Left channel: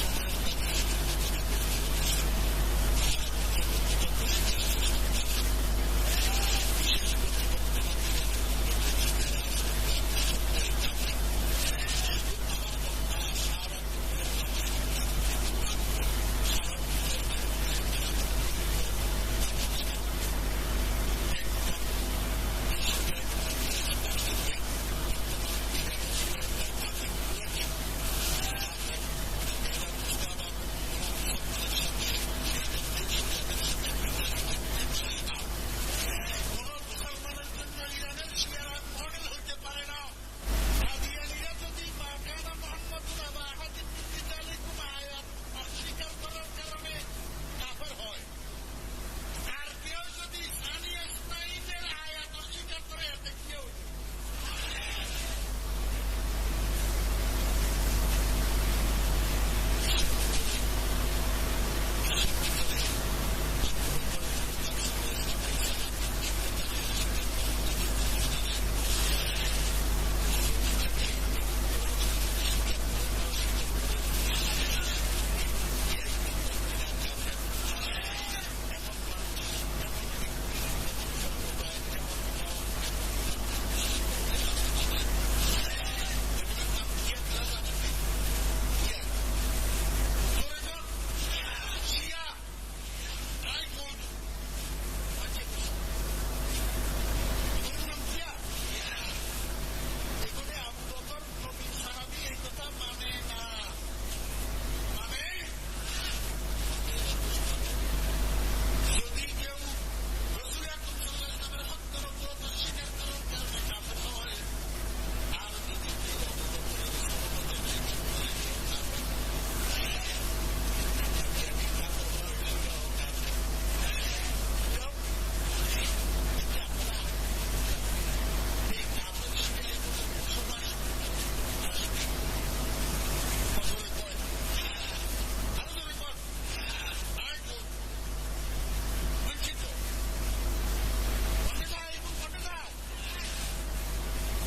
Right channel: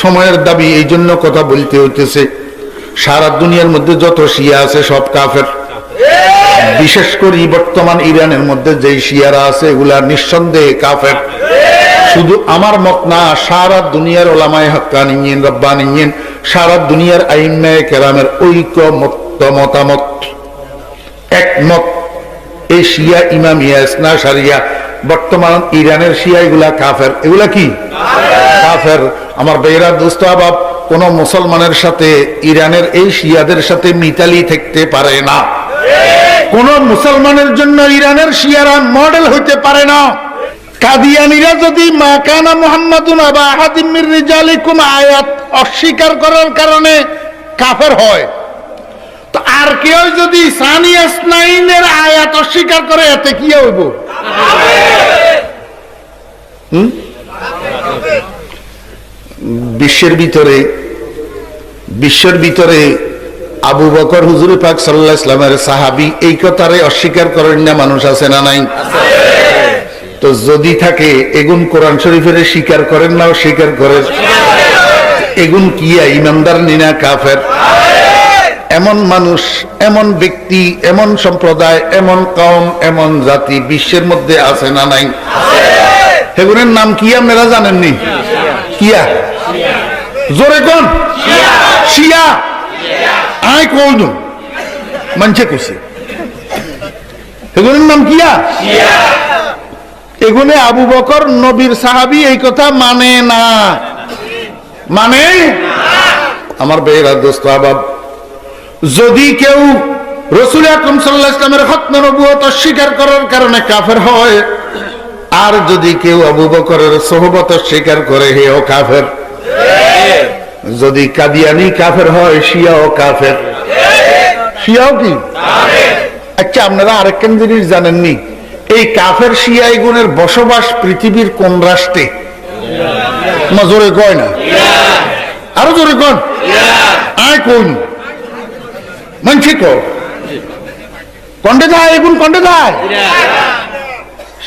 সময়ের দাবি, এই জন্য কথা বলতে হইতেছে। সারা দুনিয়ার মধ্যে যত শিয়া আছে সব কাফের। বিশেষ করে বর্তমান ইরানের মধ্যে যে শিয়ারা আছে এগুলা নিঃসন্দেহে কাফের। শুধু আমার মত না, সারা দুনিয়ার ওলামায়ে হাক্কানিয়িন রব্বানিয়িন, সারা দুনিয়ার আইম্মায়ে কেরামের মতামত একমত, এই শিয়া ইমামিয়া ইসনা শারিয়া বর্তমান ইরানের শিয়া এগুলা কাফের। এগুলা কি কাফের? আমার বেরা দোস্ত আবাব, কোন মুসলমানের সাথে ইরানের এই শিয়াদের সাথে মিতালি থাকতে পারে না। কোন মুসলমানের জন্য ইরানের শিয়ারা মডেল হইতে পারে না। কাদিয়ানীরা যদি মা কানা মুহাম্মাদুন আবা আহাদিম মির রিজালিকুম আয়াত অস্বীকার করার কারণে কাফের হয়, তো আর কেউ যদি সানিয়া ইসনাইনের আয়াত অস্বীকার করে এতে কি হইব? বিশ্বের ভিতরে আবু বকর হুজুর পাক সাল্লাল্লাহু আলাইহি ওয়াসাল্লামের সাহাবী, এই কথারে অস্বীকার করেন না মানুষ আছে না নাই? তো যদি থাকে এগুন কোরআন শরীফের স্বীকার করেন না, স্বীকার করেন, এগুন কি ইমানদার নিনা কাফের? এমন মানুষ, এমন ব্যক্তি, এমন সম্প্রদায়, এমন কওম, এমন জাতি বিশ্বের মধ্যে আছে না নাই? এগুনের নাম কি আপনারা জানেননি? কিয়া জোরে কোন শিয়া আই কোন মানছে কইছে এগুনের নাম কিয়া শিয়া। এগুনে আবু বকর নবীর সাহাবী, এই কথা মানে না, মানে আমার বেরা দোস্ত আবাব, যদি কেউ রাসূল আকরাম সাল্লাল্লাহু আলাইহি ওয়াসাল্লামের খতমে নবুয়ত অস্বীকার করার কারণে কাফের হয়, আর যদি কেউ আবু বকরের সোহবত অস্বীকার করে, হেও কাফের। যদি কাদিয়ানি কাফের হয়, শিয়াও কাফের। শিয়াও কি? আচ্ছা, আপনারা আরেকখান জিনিস জানেননি? এই কাফের শিয়া গুণের বসবাস পৃথিবীর কোন রাষ্ট্রে? জোরে কয় না, আরো জোরে কন, আয় কোন মানছি কন্ডে যায়, এগুন কন্ডে যায়।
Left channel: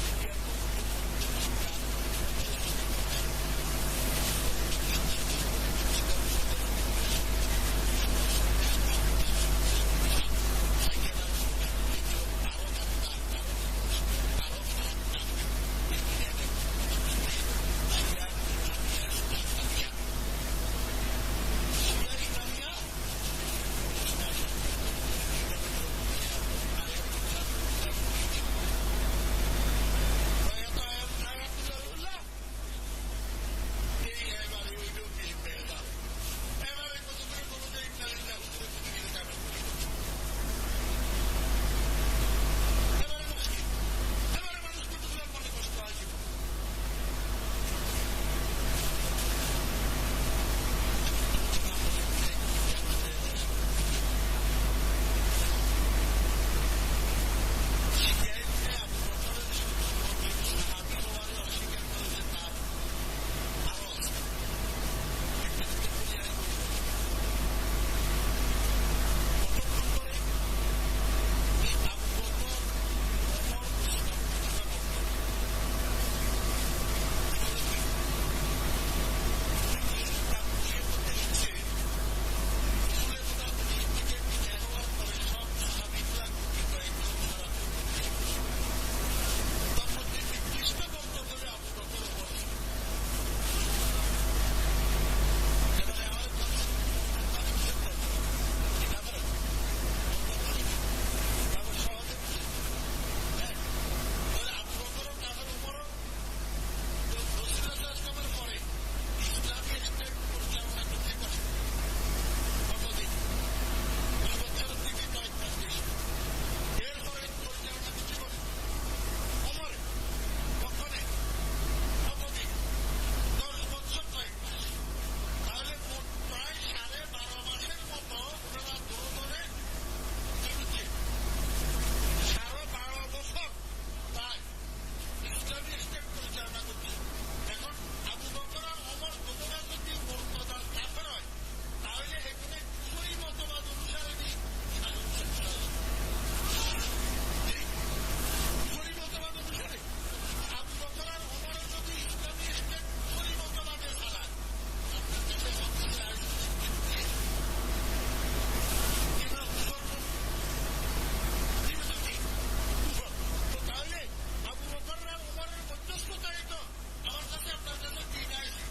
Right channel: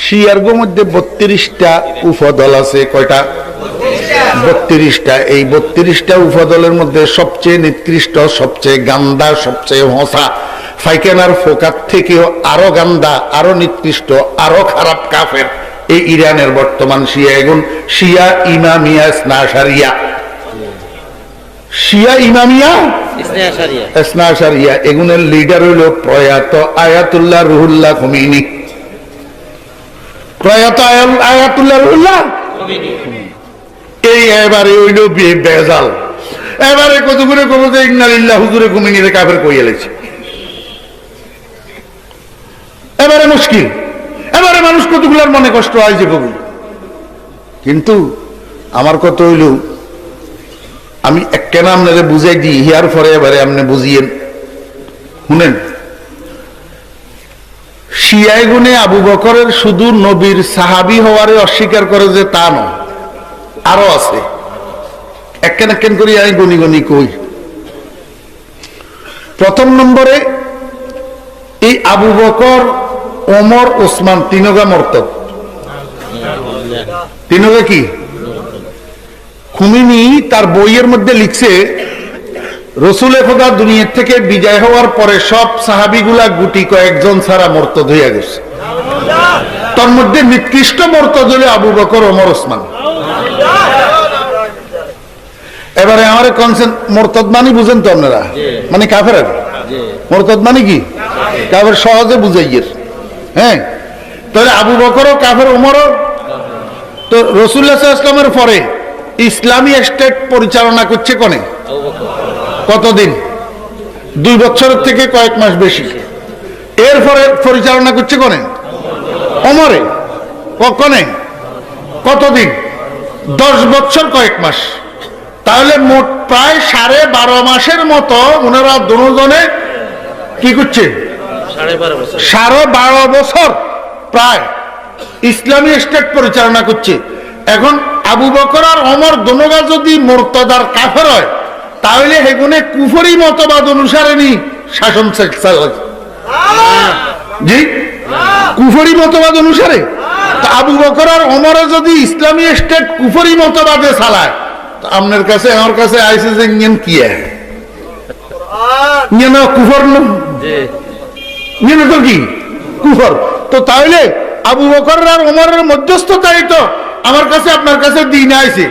শিয়ার মধ্যে 32টা উপদল আছে। কয়টা? 32টা। এই 32টা উপদলের মধ্যে সবচেয়ে নিকৃষ্ট, সবচেয়ে গান্দা, সবচেয়ে হসা, ফাইকানার ফোকার থেকেও আরো গান্দা, আরো নিকৃষ্ট, আরো খারাপ কাফের এই ইরানের বর্তমান শিয়া এগুন। শিয়া ইমামিয়া ইসনা শারিয়া, শিয়া ইমামিয়া ইসনা শারিয়া এগুনের লিডার হইল প্রয়াত আয়াতুল্লাহ রুহুল্লাহ খুমেনি। প্রয়াত আয়াতুল্লাহ রুহুল্লাহ এই এবারে হইল বেজাল। এবারে কত করে কব যে ইন্নালিল্লাহ হুজুরে খুমেনিরে কাফের কইয়া লেছে। এবারে মুশকিল, এবারে মানুষ কতগুলার মনে কষ্ট হয় যে কবি। কিন্তু আমার কত হইল, আমি কেন আপনারে বুঝাই দিই, হিয়ার পরে এবারে আপনি বুঝিয়েন শুনেন। শিয়ায় গুনে আবু বকরের শুধু নবীর সাহাবী হওয়ারে অস্বীকার করে যে তা নয়, আরো আছে। একখান একখান করি আমি গনি গনি কই। প্রথম নম্বরে এই আবু বকর, ওমর, ওসমান তিনগা মর্তব। তিনগা কি? খুমেনি তার বইয়ের মধ্যে লিখছে, রসুল খোদা দুনিয়া থেকে বিজয় হওয়ার পরে সব সাহাবিগুলা গুটি কয়েকজন ছাড়া মর্তদ হইয়া গেছে। তার মধ্যে নিকৃষ্ট মর্তদ হলে আবু বকর, ওমর, ওসমান। এবারে আমার কনসেন্ট, মর্তদ মানে বুঝেন তো আপনারা? মানে কাফের। মর্তদ মানে কি? কাফের সহজে বুঝাইয়ের। হ্যাঁ, তাহলে আবু বকরও কাফের, ওমরও। তো রাসূলুল্লাহ সাল্লাল্লাহু আলাইহি ওয়াসাল্লামের পরে ইসলামী স্টেট পরিচালনা করছে কোনে? কতদিন? 2 বছরের থেকে কয়েক মাস বেশি। এরপরে পরিচালনা করছে কোনে? ওমরে। কখনে কতদিন? 10 বছর কয়েক মাস। তাহলে মোট প্রায় 12.5 মাসের মতো ওনারা দুজনে কি করছে? 12.5 বছর প্রায় ইসলামী স্টেট পরিচালনা করছে। এখন আবু বকর আর ওমর দুনোগা যদি মুরতাদার কাফের হয়, তাহলে হেগুনে কুফরি মতবাদ অনুসারে নি শাসন চালায়। জি, কুফরি মতবাদ অনুসারে। তো আবু বকর আর ওমর যদি ইসলামী স্টেট কুফরি মতবাদে চালায়, আপনার কাছে আমার কাছে আইসে যে ইঞ্জিন কি কুফর তো কি কুফর। তো তাহলে আবু বকর আর ওমরের মধ্যস্থতাই তো আমার কাছে আপনার কাছে দিন আইছে।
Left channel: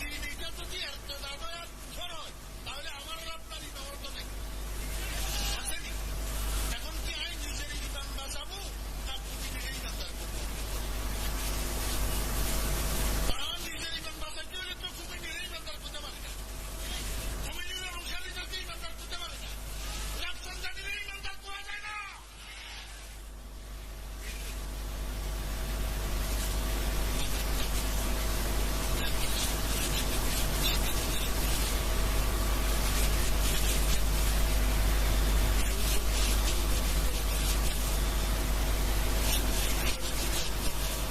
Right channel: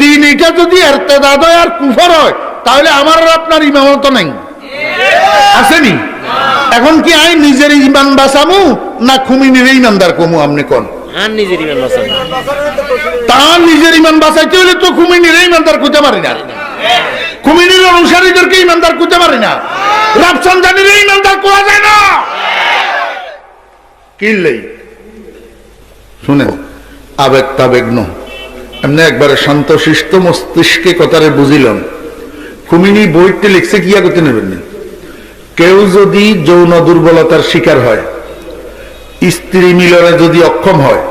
দিন এটা যদি ইরতিদাদ হয় আর কুফর হয় তাহলে আমার আর আপনার ইমামত নাই, আসেনি? এখন কি আই নিজের ইমান বাঁচামু না খুমিনির ইমানদার কমু? আপনি কোন তার নিজের ইমান বাঁচাইতে হলে তো খুমিনির ইমানদার খুঁজতে পারি না, খুমিনির অনুসারীদেরকে ইমানদার খুঁজতে পারি না, রাফসানজানির ইমানদার কোয়া যায় না। কিনলেই শুনেন, আবেগ তাবেগ ন এমনি একবারে শান্তশিষ্ট মস্তিষ্কে কথারে বুঝিলাম। খুমিনি বইতে লিখছে কিয়া করতে নেবেন না। কেউ যদি যৌন দুর্বলতার শিকার হয়, স্ত্রী মিলনে যদি অক্ষম হয়,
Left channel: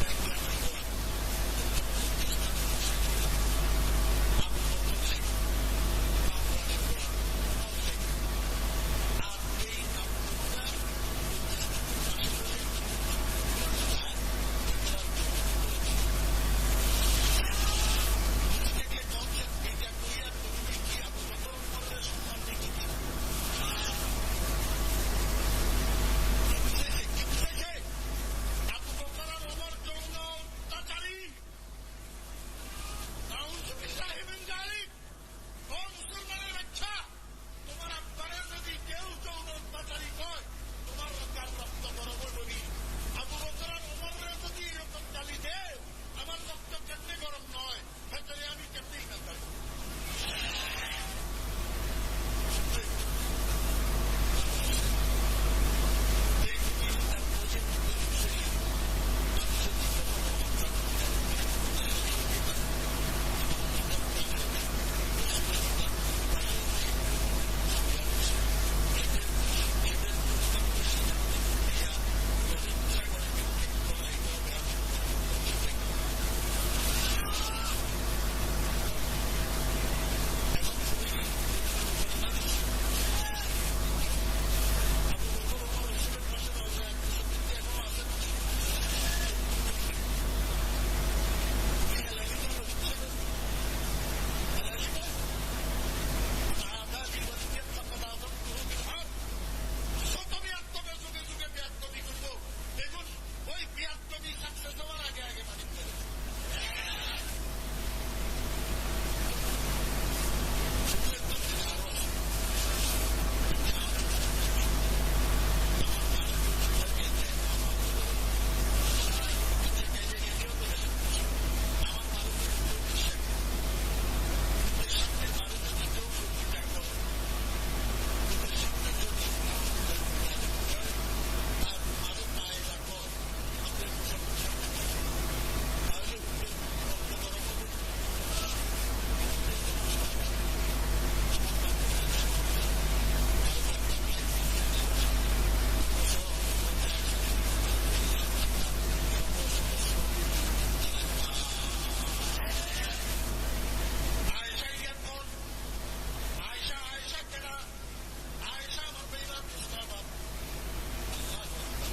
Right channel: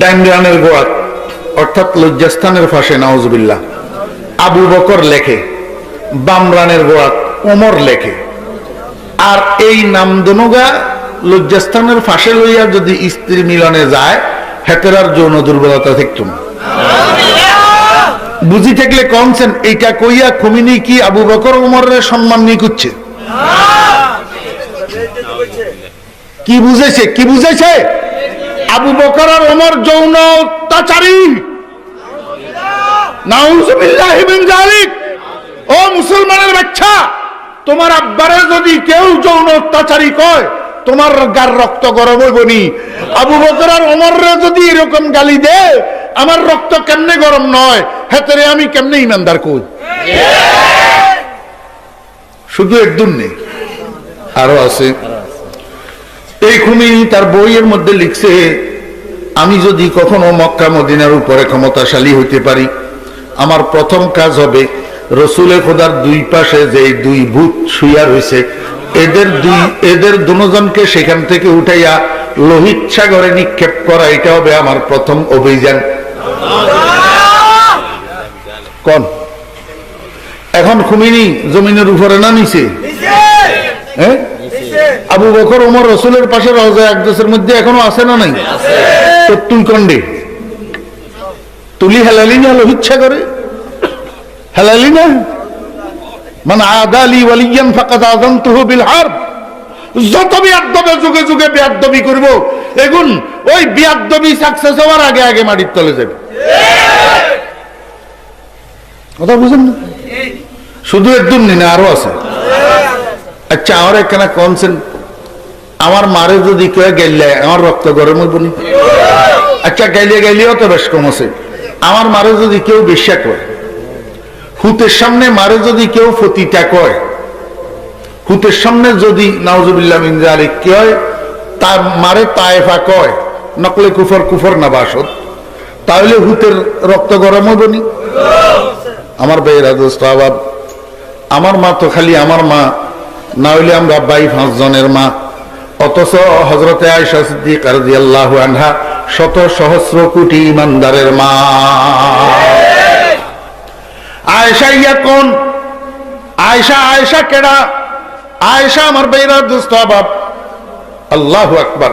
ডাইনরানের গোয়াত অর্থাৎ লজ্জাস্থানের ফাঁসে নাউজুবিল্লাহ আবু বকর লেখে, বামরানের গোয়াত ওমর লেখে, আর এই নাম দনুগা লজ্জাস্থানের ফাঁসে লইয়া যদি স্ত্রী মিলনে যায়, হেতেরার যৌন দুর্বলতা থাকতো না। বুঝি থাকলে কনছেন এইটা কইয়া খুমিনি কি আবু বকর ওমরের সম্মান নিয়ে করছে? কি বুঝেছে? কি বুঝেছে? আবু বকর আর ওমর যৌন অত্যাচারী। নাউজুবিল্লাহি মিন যালিক। ও মুসলমানের বাচ্চা, তোমার আব্বারে যদি কেউ যৌন অত্যাচারী কয়, তোমার গার রক্ত গরম হইবনি। আবু বকর আর ওমররে যদি এরকম গালি দে, আমার রক্ত কেমনে গরম নয়? হেতরে আমি কেমনে ইমানদার কই? শুধু একদম নেই, আরো আছে। এই খুমিনি তার বইয়ের মধ্যে লিখছে, আমি যদি কখনো মক্কা মদিনার উপরে ক্ষমতাশালী হইতে পারি, আমার প্রথম কাজ হবে রসুলে খোদার দুই পাশে যে দুই ভূত শুইয়া রয়েছে, এদের দুজনকে সেখান থেকে উঠাইয়া লোহিত সাগরে নিক্ষেপ করা, এটা হবে আমার প্রথম অভিযান। কোন এখন খুমিনি জমিনের উপরে না নিচে? হ্যাঁ, আবু বকর ওমর রসুলের পাশে রওজা আকদাসের মধ্যে এখনো আছে না নাই? তো তুই কন্ডে তুলি হেলালি না লোহিত সাগরে? হেলালি না? মান আদালি ওয়ালিয়ান ফাকাদ আযানতুহু বিল হারব। যত বিয়াদবে যুগে যুগে বিয়াদবি করব, এগুন ওই বিয়াদবি সাকসেস হওয়ার আগে আগে মাটির তলে যাবে। কথা বুঝেন না? শুধু একদম না, আরো আছে। আচ্ছা, আমার এখানে কনসেন, আমার মারে যদি কেউ গেলে আমার রক্ত গরম হইব নি? আচ্ছা, গাইলে গাইলেও তো বেশ কম আছে। আমার মারে যদি কেউ বিশ্বাস করে, হুতের সামনে মারে যদি কেউ ফতিটা কয়, হুতের সামনে যদি নাউজুবিল্লাহ মিন যালিক কয়, তার মারে তায়েফা কয়, নকলে কুফর কুফর না বাসদ, তাহলে হুতের রক্ত গরম হইব নি? আমার ভাইয়েরা, দোস্ত আবাব, আমার মা তো খালি আমার মা না হইলে আমরা 5 জনের মা, অথচ হযরতে আয়েশা সিদ্দিকা রাদিয়াল্লাহু আনহা শত সহস্র কোটি ইমানদারের মা। আয়েশা ইয়া কোন? আয়েশা, আয়েশা কেডা? আয়েশা আমার ভাইয়েরা, দোস্ত আবাব, আল্লাহু আকবার,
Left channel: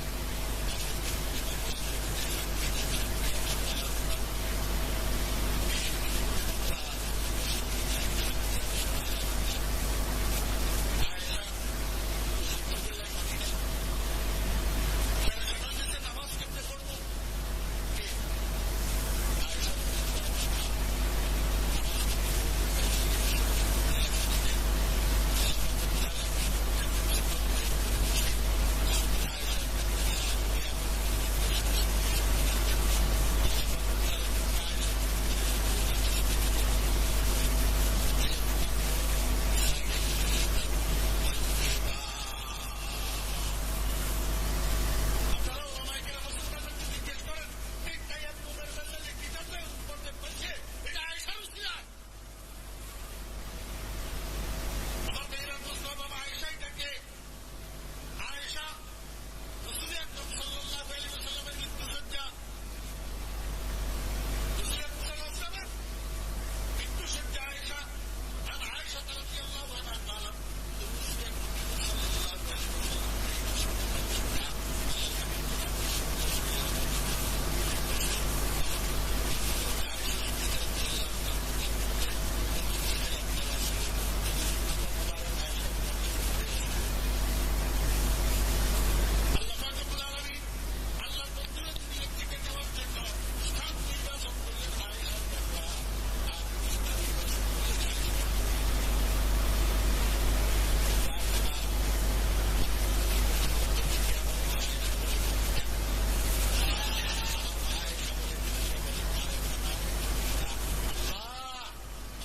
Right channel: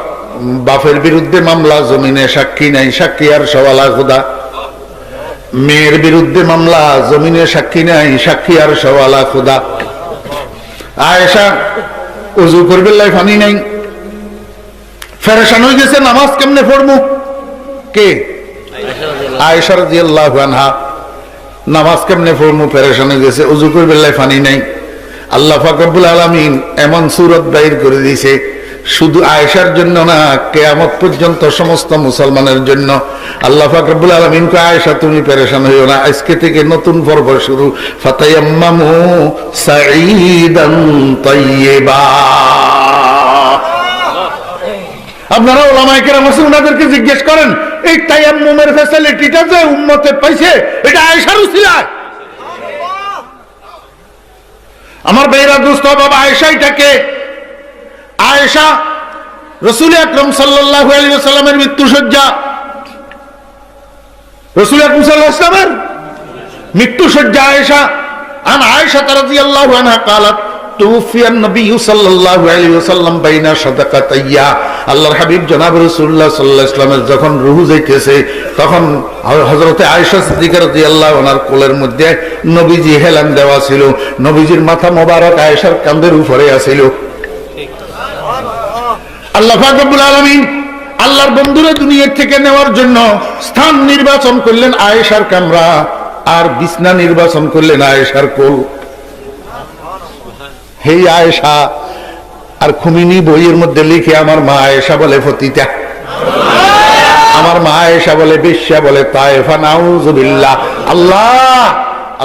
বাপের বিরুদ্ধে মামলা, জমিনে সাক্ষী নাই, সাক্ষী আর সওয়ালা খোদা। মেয়ের বিরুদ্ধে মামলা, জমিনে সাক্ষী নাই, সাক্ষী আর সওয়ালা খোদা। আয়েশা ওযু করবে লাই পানি নাই, ফেরেশান হয়ে গেছে, নামাজ কেমনে পড়বো? কে? আয়েশা রাদিয়াল্লাহু আনহা। নামাজ কেমনে পড়বো? ফেরেশান হয়ে গেছে, ওযু করবে লাই পানি নাই। আল্লাহ পাক রব্বুল আলামিন এমন সূরত বাইর করে দিয়েছে, শুধু আয়েশার জন্য না, কিয়ামত পর্যন্ত সমস্ত মুসলমানের জন্য। আল্লাহ পাক রব্বুল আলামিন কয়, আয়েশা তুমি পেরেশান হইও না, আজকে থেকে নতুন পর্ব শুরু। ফাতায়াম্মামু সাঈদান তাইয়্যিবা। আপনারা উলামায়ে কেরাম আছেন, ওনাদেরকে জিজ্ঞেস করেন, এই তায়াম্মুমের ফ্যাসিলিটিটা যে উম্মতে পাইছে, এটা আয়েশার উসিলায়। আমার ভাইরা, দোস্ত বাবা, আয়েশা এটাকে, আয়েশা রাসূল আকরাম সাল্লাল্লাহু আলাইহি ওয়াসাল্লামের মৃত্যুশয্যা, রাসূল আকরাম সাল্লাল্লাহু আলাইহি ওয়াসাল্লামের মৃত্যুশয্যা আয়েশা। আন আয়েশা রাদিয়াল্লাহু আনহা قالت তুফিয়ান নবী সাল্লাল্লাহু আলাইহি ওয়াসাল্লাম বাইনা সাদাকাতাইয়া, আল্লাহর হাবিব জনাব রাসূলুল্লাহ সাল্লাল্লাহু আলাইহি ওয়াসাল্লামের যখন রূহ যাইতেছে তখন হযরতে আয়েশা সিদ্দিকা রাদিয়াল্লাহু আনহার কোলের মধ্যে নবীজি হেলান দেওয়া ছিল, নবীজির মাথা মোবারক আয়েশার কাঁধের উপরে আছিল। আল্লাহ পাক রব্বুল আলামিন আল্লাহর বন্ধুরা দুনিয়া থেকে নেওয়ার জন্য স্থান নির্বাচন করলেন আয়েশার কামরা, আর বিছনা নির্বাচন করলেন আয়েশার কোল। হে আয়েশা, আর খুমিনি বইয়ের মধ্যে লিখে আমার মা আয়েশা বলে ফতিতা, আমার মা আয়েশা বলে বেশ্যা, বলে তায়েফা, নাউযুবিল্লাহ। আল্লাহ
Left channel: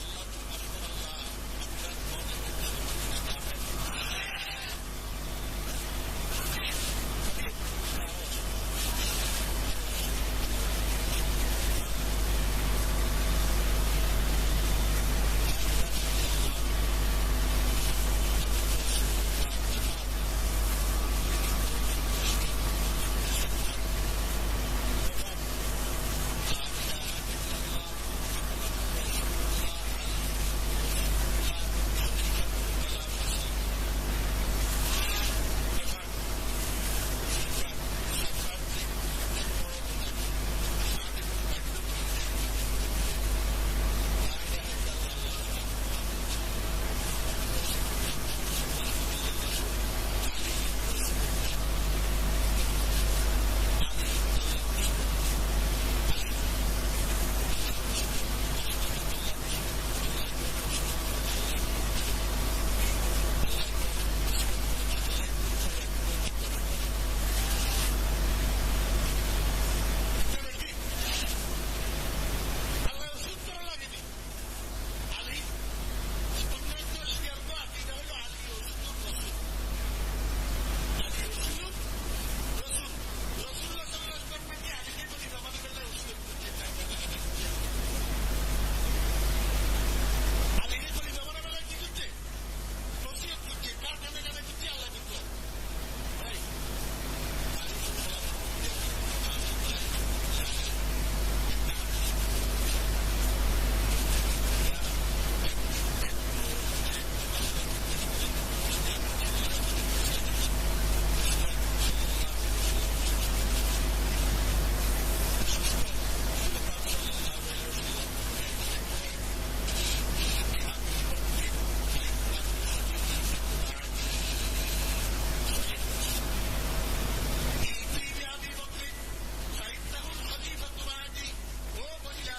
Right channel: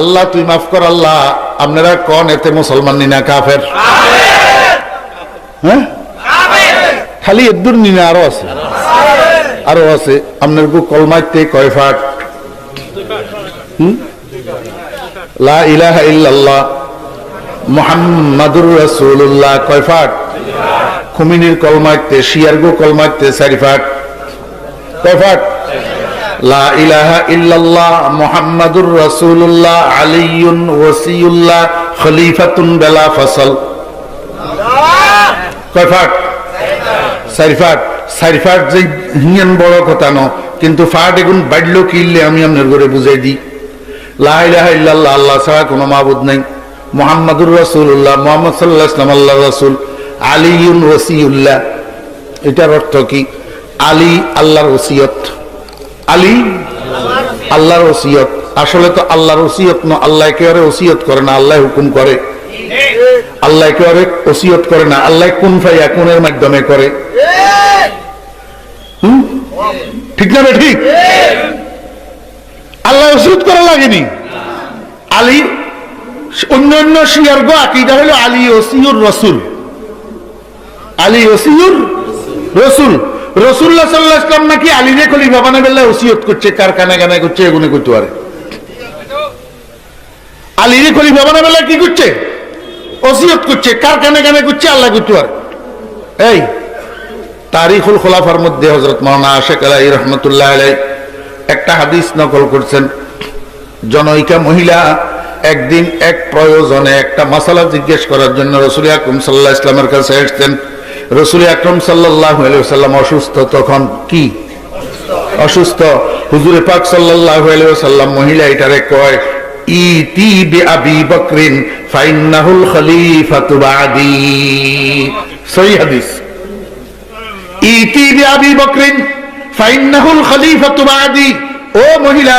আল্লাহ তুই মাফ কর আল্লাহ, আপনারা কোন এতে মুসলমান নিনা কাফের? হ্যাঁ, খালি এদুর নিনা আরো আছে, আরো আছে। আপনার গো কলমাইতে কয় ফাট? লা ইলাহা ইল্লাল্লাহ মুহাম্মাদুর রাসূলুল্লাহ কয় ফাট? খুমিনির কলমাইতে, শিয়ার গো কলমাইতে 4 ফাট। কয় ফাট? লা ইলাহা ইল্লাল্লাহ মুহাম্মাদুর রাসূলুল্লাহ আলিয়ুন ওয়াসিয়ুল্লাহ খলিফাতুন বিলা ফসল। কয় ফাট? 4 ফাট। 4 ফাট যে হিয়ান বড় কথা ন, কিন্তু ফাট এগুন বাড়লো কিনলে আমি আপনার ঘরে বুঝাই দিই। লা ইলাহা ইল্লাল্লাহ, আল্লাহ ছাড়া কোনো মাবুদ নাই। মুহাম্মাদুর রাসূলুল্লাহ, মুহাম্মদ সাল্লাল্লাহু আলাইহি ওয়াসাল্লাম আল্লাহর রাসূল। আলিয়ুন ওয়াসিয়ুল্লাহ, এটার অর্থ কি? আলী আল্লাহর ওসিয়ত। আলী আল্লাহর ওসিয়ত। আসলে তো আল্লাহর ওসিয়ত না, আল্লাহ একেবারে ওসিয়ত করে না, আল্লাহ হুকুম করে। আল্লাহ একেবারে ওসিয়ত করে না, আল্লাহ কুন ফায়াকুনের মাধ্যমে করে। ঠিক না রে? ঠিক। আল্লাহ ওসিয়ত করা লাগেনি। আলী অন্যান্য শিয়ার গো আকীদা হলো আলী ওসিয়ুর রাসূল। আলী ওসিয়ুর রাসূল। রাসূলুল্লাহ সাল্লাল্লাহু আলাইহি ওয়াসাল্লাম নাকি আলীরে খলিফা বানাবেলা ওসিয়ত করছে, কারখানা গানা করছে, এগুলো করতে পারে। আলীরে খলিফা বানাবেলা কি করছে? ওসিয়ত করছে, কারখানা গানা করছে, আল্লাহ করতে পারে। এই তারিখুল খুলাফার মধ্যে হযরত মাওলানা আশিক আলাইহি রাহমাতুল্লাহ আলাইহি একটা হাদিস নকল করছেন। জনৈকা মহিলা একদিন এক প্রয়োজনে একটা মাসালা জিজ্ঞেস করার জন্য রাসূল আকরাম সাল্লাল্লাহু আলাইহি ওয়াসাল্লামের কাছে আসতেন। রাসূল আকরাম সাল্লাল্লাহু আলাইহি ওয়াসাল্লাম অসুস্থ, তখন কি অসুস্থ। হুজুরে পাক সাল্লাল্লাহু আলাইহি ওয়াসাল্লাম মহিলা এটারে কয়, ইতি বিআবি বকরিন ফাইন্নাহুল খলিফাতু বাদি। সহিহ হাদিস। ইতি বিআবি বকরিন ফাইন্নাহুল খলিফাতু বাদি। ও মহিলা,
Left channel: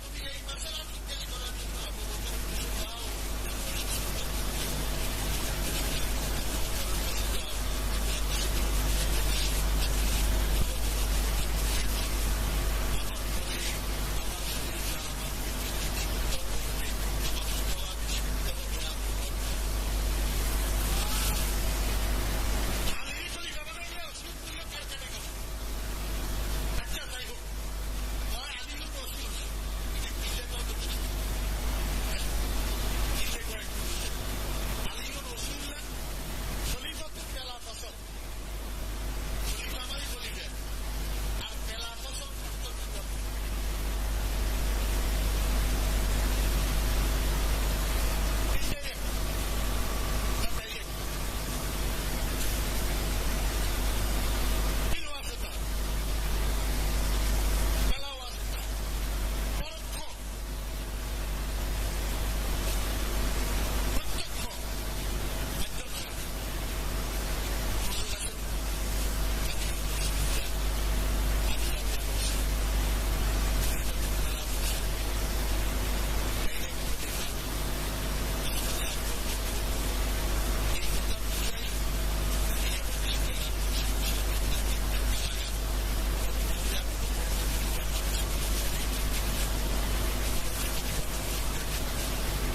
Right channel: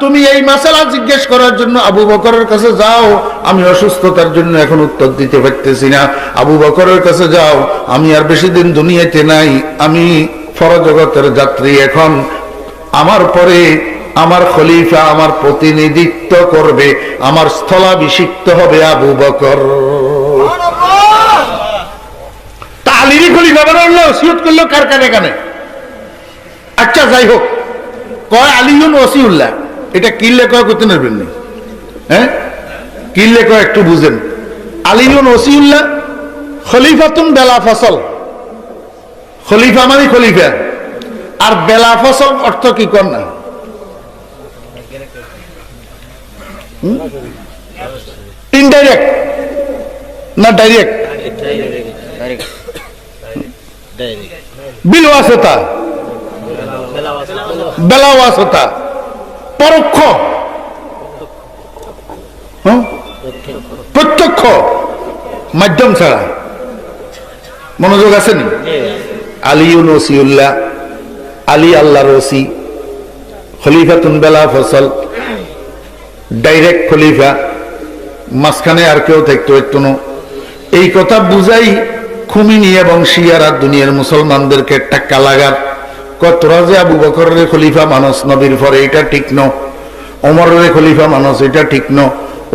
তুমি এই মাসালা জিজ্ঞেস করার জন্য আবু বকরের কাছে যাও, আমি অসুস্থতার জন্য এখন উত্তর দিতে পারতেছি না। আবু বকরের কাছে যাও, আমি আর বেশি দিন দুনিয়াতে নাই, আমি পরজগতের যাত্রী। এখন আমার পরে আমার খলিফা, আমার প্রতিনিধিত্ব করবে, আমার স্থলাভিষিক্ত হবে আবু বকর। তা আলীরই খলিফা বানালো, ওসিয়ত করলো কার কানে কানে? আচ্ছা যাই হোক, কয় আলিয়ুন ওয়াসিউল্লাহ, এটা কিল্লে কয় করতে পারবেন না? হ্যাঁ, কিল্লে কয় একটু বুঝেন। আলিয়ুন ওয়াসিউল্লাহ খলিফাতুন বেলা ফসল। খলিফা মানে খলিফা, আর বেলা ফসল অর্থ কি কর না? ইনডাইরেক্ট না ডাইরেক্ট? বিলওয়াসতা, বেলাওয়াসতা, পরোক্ষ, প্রত্যক্ষ, মাধ্যম ছাড়া। মনোযোগ আছে নি? আলিউন ওসিউল্লাহ, আলী আল্লাহর ওসি। খলিফাতুন বেলা ফসল, ডাইরেক্ট খলিফা, মাঝখানে আর কেউ থাকতো একটু। এই কথা বুঝাই খুমিনি এবং শিয়ারা দুনিয়ার মুসলমানদেরকে টাক্কা লাগার। তোরা যে আবু বকরের খলিফা মানুষ নবীর পরে, এটা ঠিক ন। ওমরের খলিফা মানুষ, এটা ঠিক ন।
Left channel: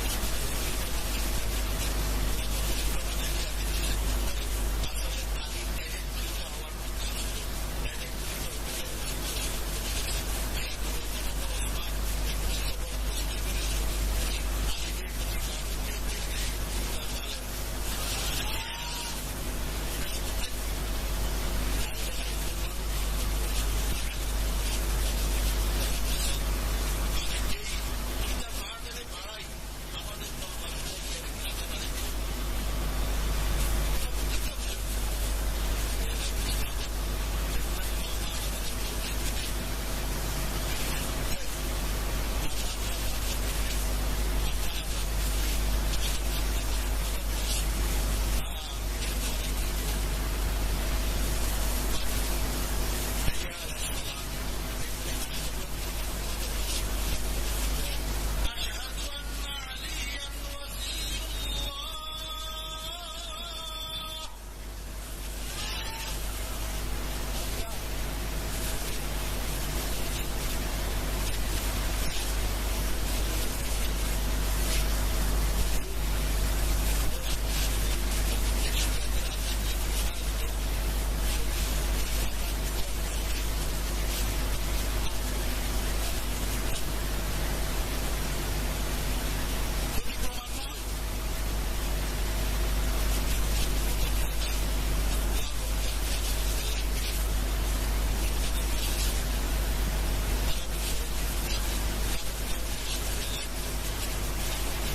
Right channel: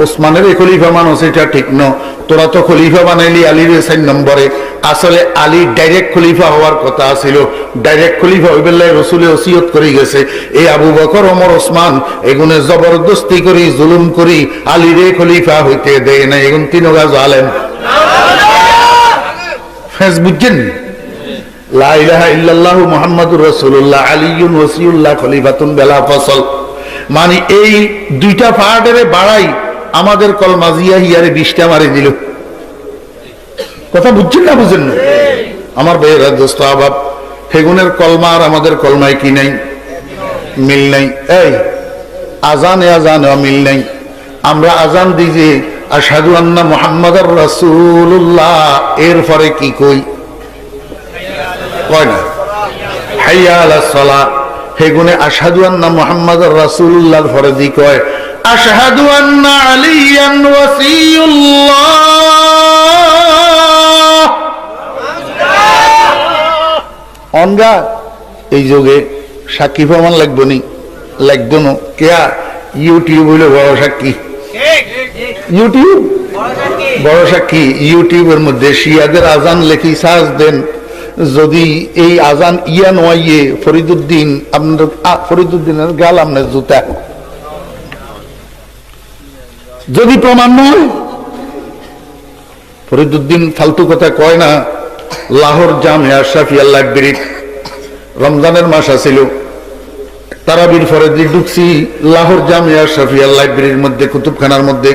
ওসমানের খলিফা মানুষ, এটা ঠিক ন। তোরা তো খলিফা বানাইলি আলীর 4 নম্বরে। আসলে আলী ডাইরেক্ট খলিফা হওয়ার কথা ছিল। ডাইরেক্ট খলিফা ওই বেলায় রসুলে ওসিয়ত করে গেছে, এই আবু বকর, ওমর, ওসমান এগুনে জবরদস্তি করি, জুলুম করি আলীরে খলিফা হইতে দেয় না। এগুন তিনগা জালেম। ফেস বুঝছেন? লা ইলাহা ইল্লাল্লাহু মুহাম্মাদুর রাসূলুল্লাহ আলিয়ুন ওয়াসিউল্লাহ খলিফাতুন বেলা ফসল, মানে এই দুইটা পাহাড়ের বাড়াই আমাদের কলমা জিয়া হিয়ারে 20টা মারি দিল। কথা বুঝছেন না বুঝেন না? আমার ভাইয়েরা দোস্ত আবাব, হেগুনের কলমা আর আমাদের কলমায় কি নাই? মিল নাই। এই আজানে মিল নাই। আমরা আজান দিই যে আশহাদু আন্না মুহাম্মাদুর রাসূলুল্লাহ, এর পরে কি কই? কয় না হাইয়া আলাস সালাহ। হেগুনে আশহাদু আন্না মুহাম্মাদুর রাসূলুল্লাহর পরে দি কয় আশহাদু আন্না আলিয়ান ওয়াসিয়ুল্লাহ। অনগা এই যুগে সাক্ষী প্রমাণ লাগবে নি? লাগবে না। কেয়া ইউটিউব হইলে বড় সাক্ষী। ইউটিউব বড় সাক্ষী। ইউটিউবের মধ্যে শিয়াদের আজান লেখি সার্চ দেন, যদি এই আজান ইয়া নয় ফরিদুদ্দিন, আপনার ফরিদুদ্দিনের গাল আপনার জুতা, যদি প্রমাণ নয়। ফরিদুদ্দিন ফালতু কথা কয় না। লাহোর জামিয়া আশরাফিয়া লাইব্রেরি রমজানের মাস আছিল, তারাবির ফরজি ঢুকছি লাহোর জামিয়া আশরাফিয়া লাইব্রেরির মধ্যে, কুতুবখানার মধ্যে।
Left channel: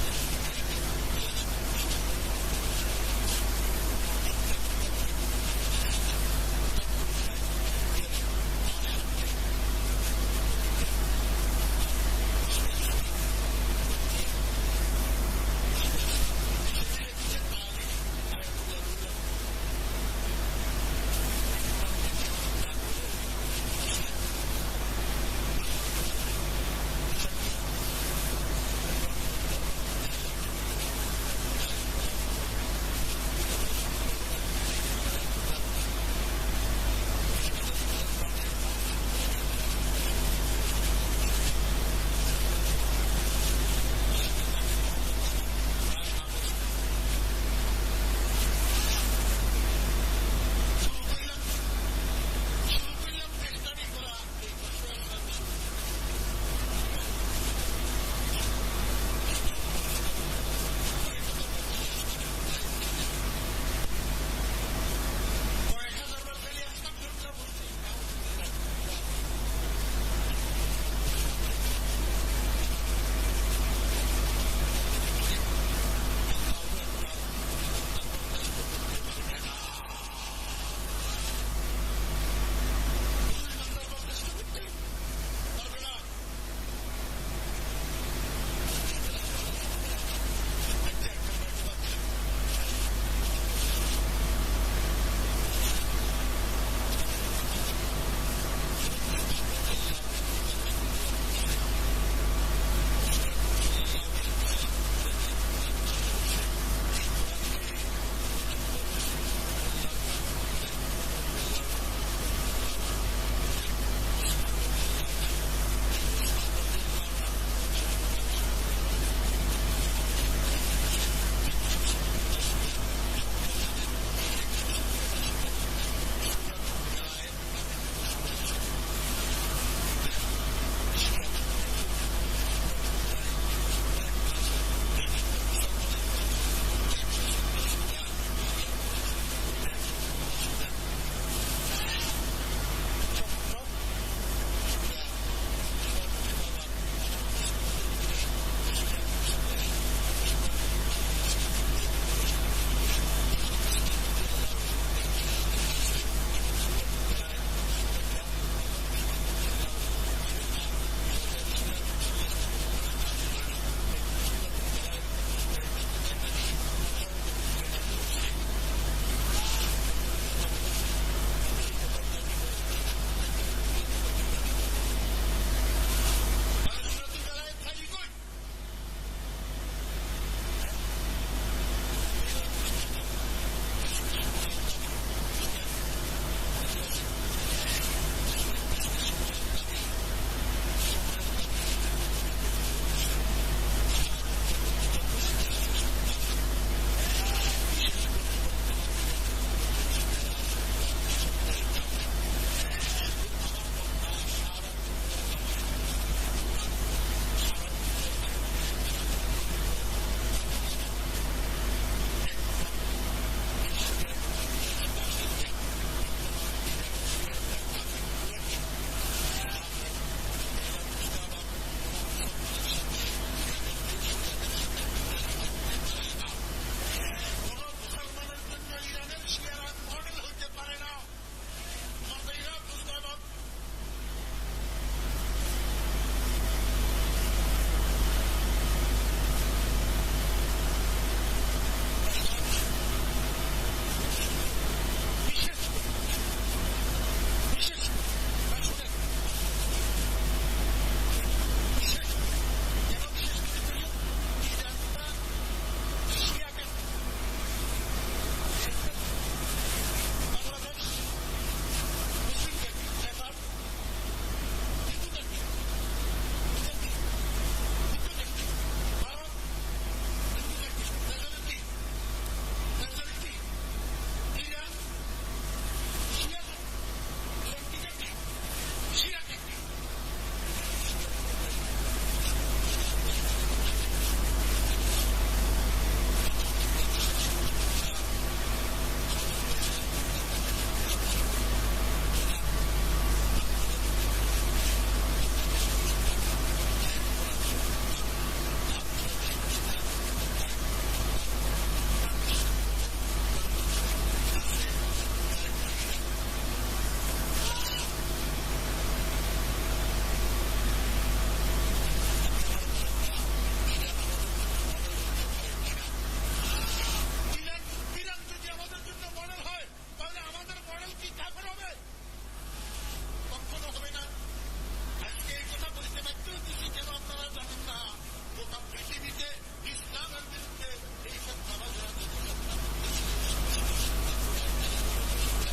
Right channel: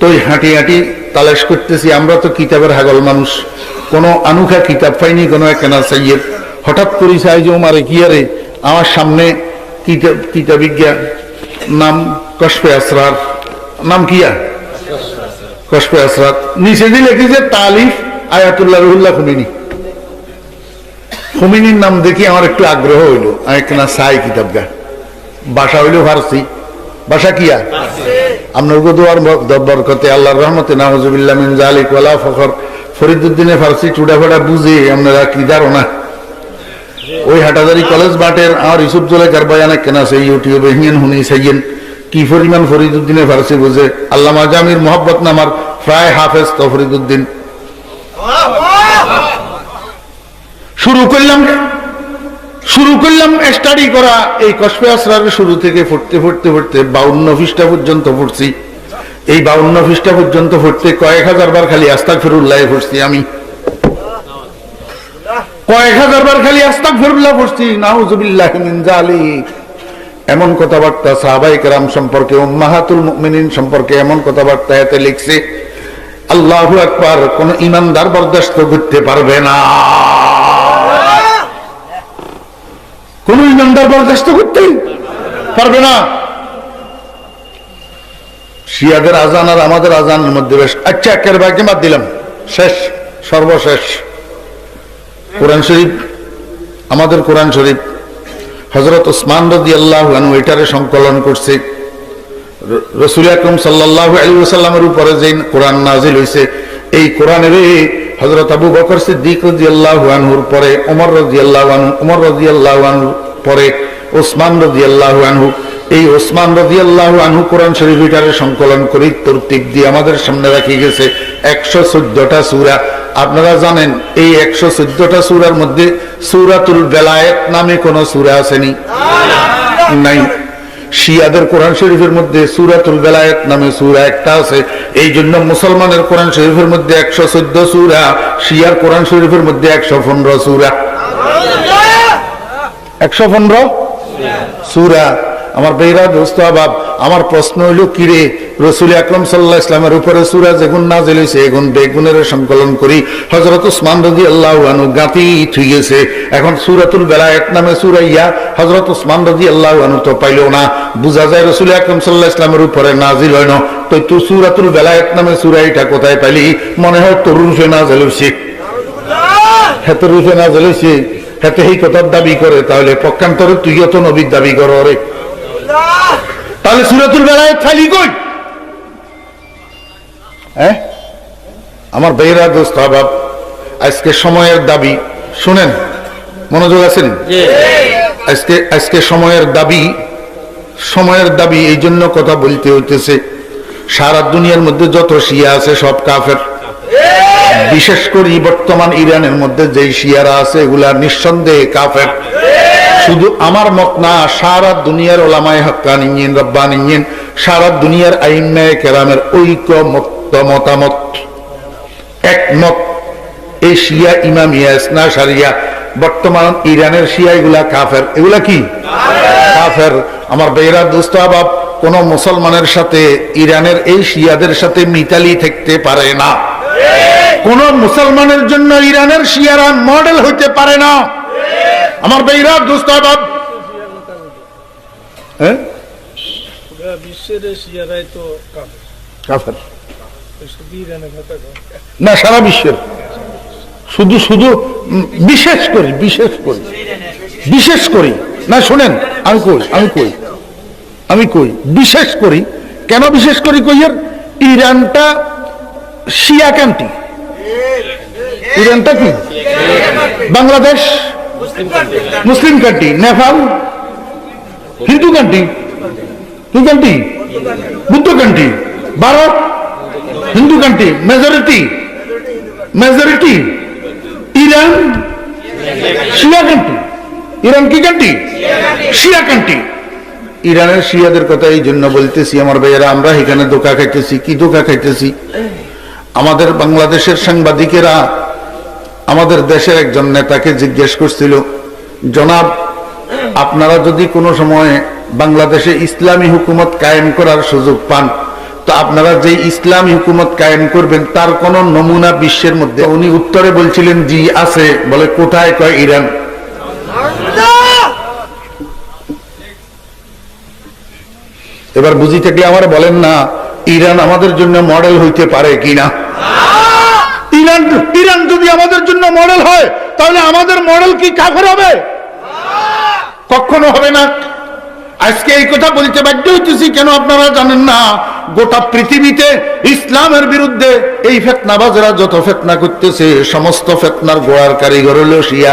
তো হাঁটি হাঁটি তালাশ করতেছি। আমরা তো কিতাবের হাগল মানুষ, কোনো আনুখা কিতাব পাইনি, কোনো একখানা সাইয়ের। হঠাৎ করি চাই যে ওমারে কিয়ারে আমার সামনে কিতাবিজ্ঞা, নাম কশফে আসরার, নাম কিয়া কশফে আসরার, নিচে দিয়ে লিখেছে তালিফ আয়াতুল্লাহ রুহুল্লাহ খুমিনি। খুমিনির নাম দেখি আমার একটু আগ্রহ হইলো, আমি একখানা চাই কিতাবগা। ভাষা হইল ফার্সি। ভাষা কিয়া? আপনার দোয়ার বরকতে আল্লাহর রহমতে নাউজুবিল্লাহ মিন যালিক ওয়ালা ফখর। ফরিদুদ্দিনে ফার্সি চুড়াফাড়া বুঝে আপনারা কি জানো না? ওই হাটাজারি কলেজ বাটের আমার ইউসুফ জোলেকার বয়ান কেনা আছে ইউটিউবে, হিয়েন হুনি সাইয়েন কি পরিমাণ ফরিদুদ্দিনে ফার্সি বুঝে। আল্লামা জামির মোহাব্বত নামার প্রায় হাফেজ তো ফরিদুদ্দিন। শুরু করলাম স্টাডি করা। এই কশফে আসরারের শুরু থেকে পড়তে 52 পৃষ্ঠা পর্যন্ত পড়ছি। এই 52 পৃষ্ঠা পর্যন্ত পড়তে কয়েক হাজার বার খালি আস্তাগফিরুল্লাহ পড়ছি। আমি কয়েক হাজার বার খালি আস্তাগফিরুল্লাহ পড়ছি, নাউযুবিল্লাহি মিন যালিক। এমন কথাবার্তা সাহাবায়ে কেরাম সম্পর্কে, উম্মাহাতুল মুমিনিন সম্পর্কে এমন কথাবার্তা এতে লিখছে, আল্লাহু আকবার, কোন ঈমানদার বরদাস্ত করতে পারবে না। কোন ঈমানদার বরদাস্ত করতে পারবে না। শিয়াদের আজান আর আমাদের আজানের মধ্যে বেশ। আচ্ছা, একের ভাগে বাদ দিলাম, শেষ সর্বশেষ কোরআন শরীফ। আমাদের কোরআন শরীফ হযরত ওসমান রাদিয়াল্লাহু আনহু এটারে সংকলন করছে। রাসূল আকরাম সাল্লাল্লাহু আলাইহি ওয়াসাল্লামের উপরে যে কোরআন নাযিল হইছে, এই কোরআনের হযরত আবু বকর সিদ্দিক রাদিয়াল্লাহু আনহুর পরে ওমর রাদিয়াল্লাহু আনহু, ওমর রাদিয়াল্লাহু আনহু পরে ওসমান রাদিয়াল্লাহু আনহু। এই ওসমান রাদিয়াল্লাহু আনহু কোরআন শরীফ এটারে সংকলন করে তরতিব দিয়ে আমাদের সামনে রাখি গেছে 114টা সূরা। আপনারা জানেন এই 114টা সূরার মধ্যে সূরাতুল বেলায়েত নামে কোন সূরা আসেনি? নাই। শিয়াদের কোরআন শরীফের মধ্যে সূরাতুল বেলায়েত নামে সূরা একটা আছে। এই জন্য মুসলমানের কোরআন শরীফের মধ্যে 114 সূরা, শিয়ার কোরআন শরীফের মধ্যে 115 সূরা। 115 সূরা। আমার বেরা দোস্ত আবাব, আমার প্রশ্ন হইল কিরে, রাসূল আকরাম সাল্লাল্লাহু আলাইহি ওয়াসাল্লামের উপরে সূরা যেগুন নাযিল হইছে এগুন বেগুনের সংকলন করি হযরত ওসমান রাদিয়াল্লাহু আনহু গাতি থুই গেছে। এখন সূরাতুল বেলায়েত নামে সূরা ইয়া হযরত ওসমান রাদিয়াল্লাহু আনহু তো পাইলো না। বুঝা যায় রাসূল আকরাম সাল্লাল্লাহু আলাইহি ওয়াসাল্লামের উপরে নাযিল হয় না। তো তুই সূরাতুল বেলায়েত নামে সূরা এটা কোথায় পাইলি? মনে হয় তোর রূপে নাযিল হইছে। হেতে রূপে নাযিল হইছে, হেতে এই কথার দাবি করে, তাহলে পক্ষান্তরে তুইও তো নবীর দাবি কর রে। তাহলে সূরাতুল বেলায়েত খালি কই? হ্যাঁ আমার ভাইরা দোস্ত আবাব, আজকে সময়ের দাবি শুনেন, মনোযোগ আছেন? আজকে সময়ের দাবি এই জন্য কথা বলতে হইতেছে, সারা দুনিয়ার মধ্যে যত শিয়া আছে সব কাফের। বিশেষ করে বর্তমান ইরানের মধ্যে যে শিয়ারা আছে এগুলা নিঃসন্দেহে কাফের। শুধু আমার মত না, সারা দুনিয়ার ওলামায়ে হাক্কানিয়িন রব্বানিয়িন, সারা দুনিয়ার আইম্মায়ে কেরামের মতামত একমত, এই শিয়া ইমামিয়া ইসনা শারিয়া বর্তমান ইরানের শিয়া এগুলা কাফের। এগুলা কি কাফের? আমার বেরা দোস্ত আবাব, কোন মুসলমানের সাথে ইরানের এই শিয়াদের সাথে মিতালি থাকতে পারে না। কোন মুসলমানের জন্য ইরানের শিয়ারা মডেল হইতে পারে না। আমার ভাইরা দোস্ত বাব, না সারা বিশ্বের, শুধু শুধু বিশেষ করি না, শোনেন আমি কই বিশেষ করি কেন, বিশেষ করি কইয়ের ইরানটা শিয়া কান্ট্রি। ইরানটা কি? Bangladesh Muslim country, Nepal Hindu country, কি country? Buddha country, Bharat Hindu country, majority Iran শিয়া কান্ট্রি। ইরান কি কান্ট্রি? শিয়া কান্ট্রি। ইরানের শিয়াদের কথা এই জন্য বলতেছি আমার ভাইয়েরা, আমরা এখানে ধোঁকা খাইতেছি। কি ধোঁকা খাইতেছি? আমাদের বাংলাদেশের সাংবাদিকেরা আমাদের দেশের একজন নেতাকে জিজ্ঞেস করছিল, জনাব আপনারা যদি কোনো সময় বাংলাদেশে ইসলামী হুকুমত কায়েম করার সুযোগ পান, তো আপনারা যে ইসলামী হুকুমত কায়েম করবেন তার কোন নমুনা বিশ্বের মধ্যে? উনি উত্তরে বলছিলেন জি আছে। বলে কোথায়? কয় ইরান। এবার বুঝি থাকলে আমার বলেন না, ইরান আমাদের জন্য মডেল হইতে পারে কিনা? ইরান যদি আমাদের জন্য মডেল হয়, তাহলে আমাদের মডেল কি কাফের হবে? কখনো হবে না। আজকে এই কথা বলতে বাধ্য হইতেছি কেন আপনারা জানেন না? গোটা পৃথিবীতে ইসলামের বিরুদ্ধে এই ফিতনাবাজরা যত ফিতনা করতেছে, সমস্ত ফিতনার গোড়ার কারিগর হলো শিয়া।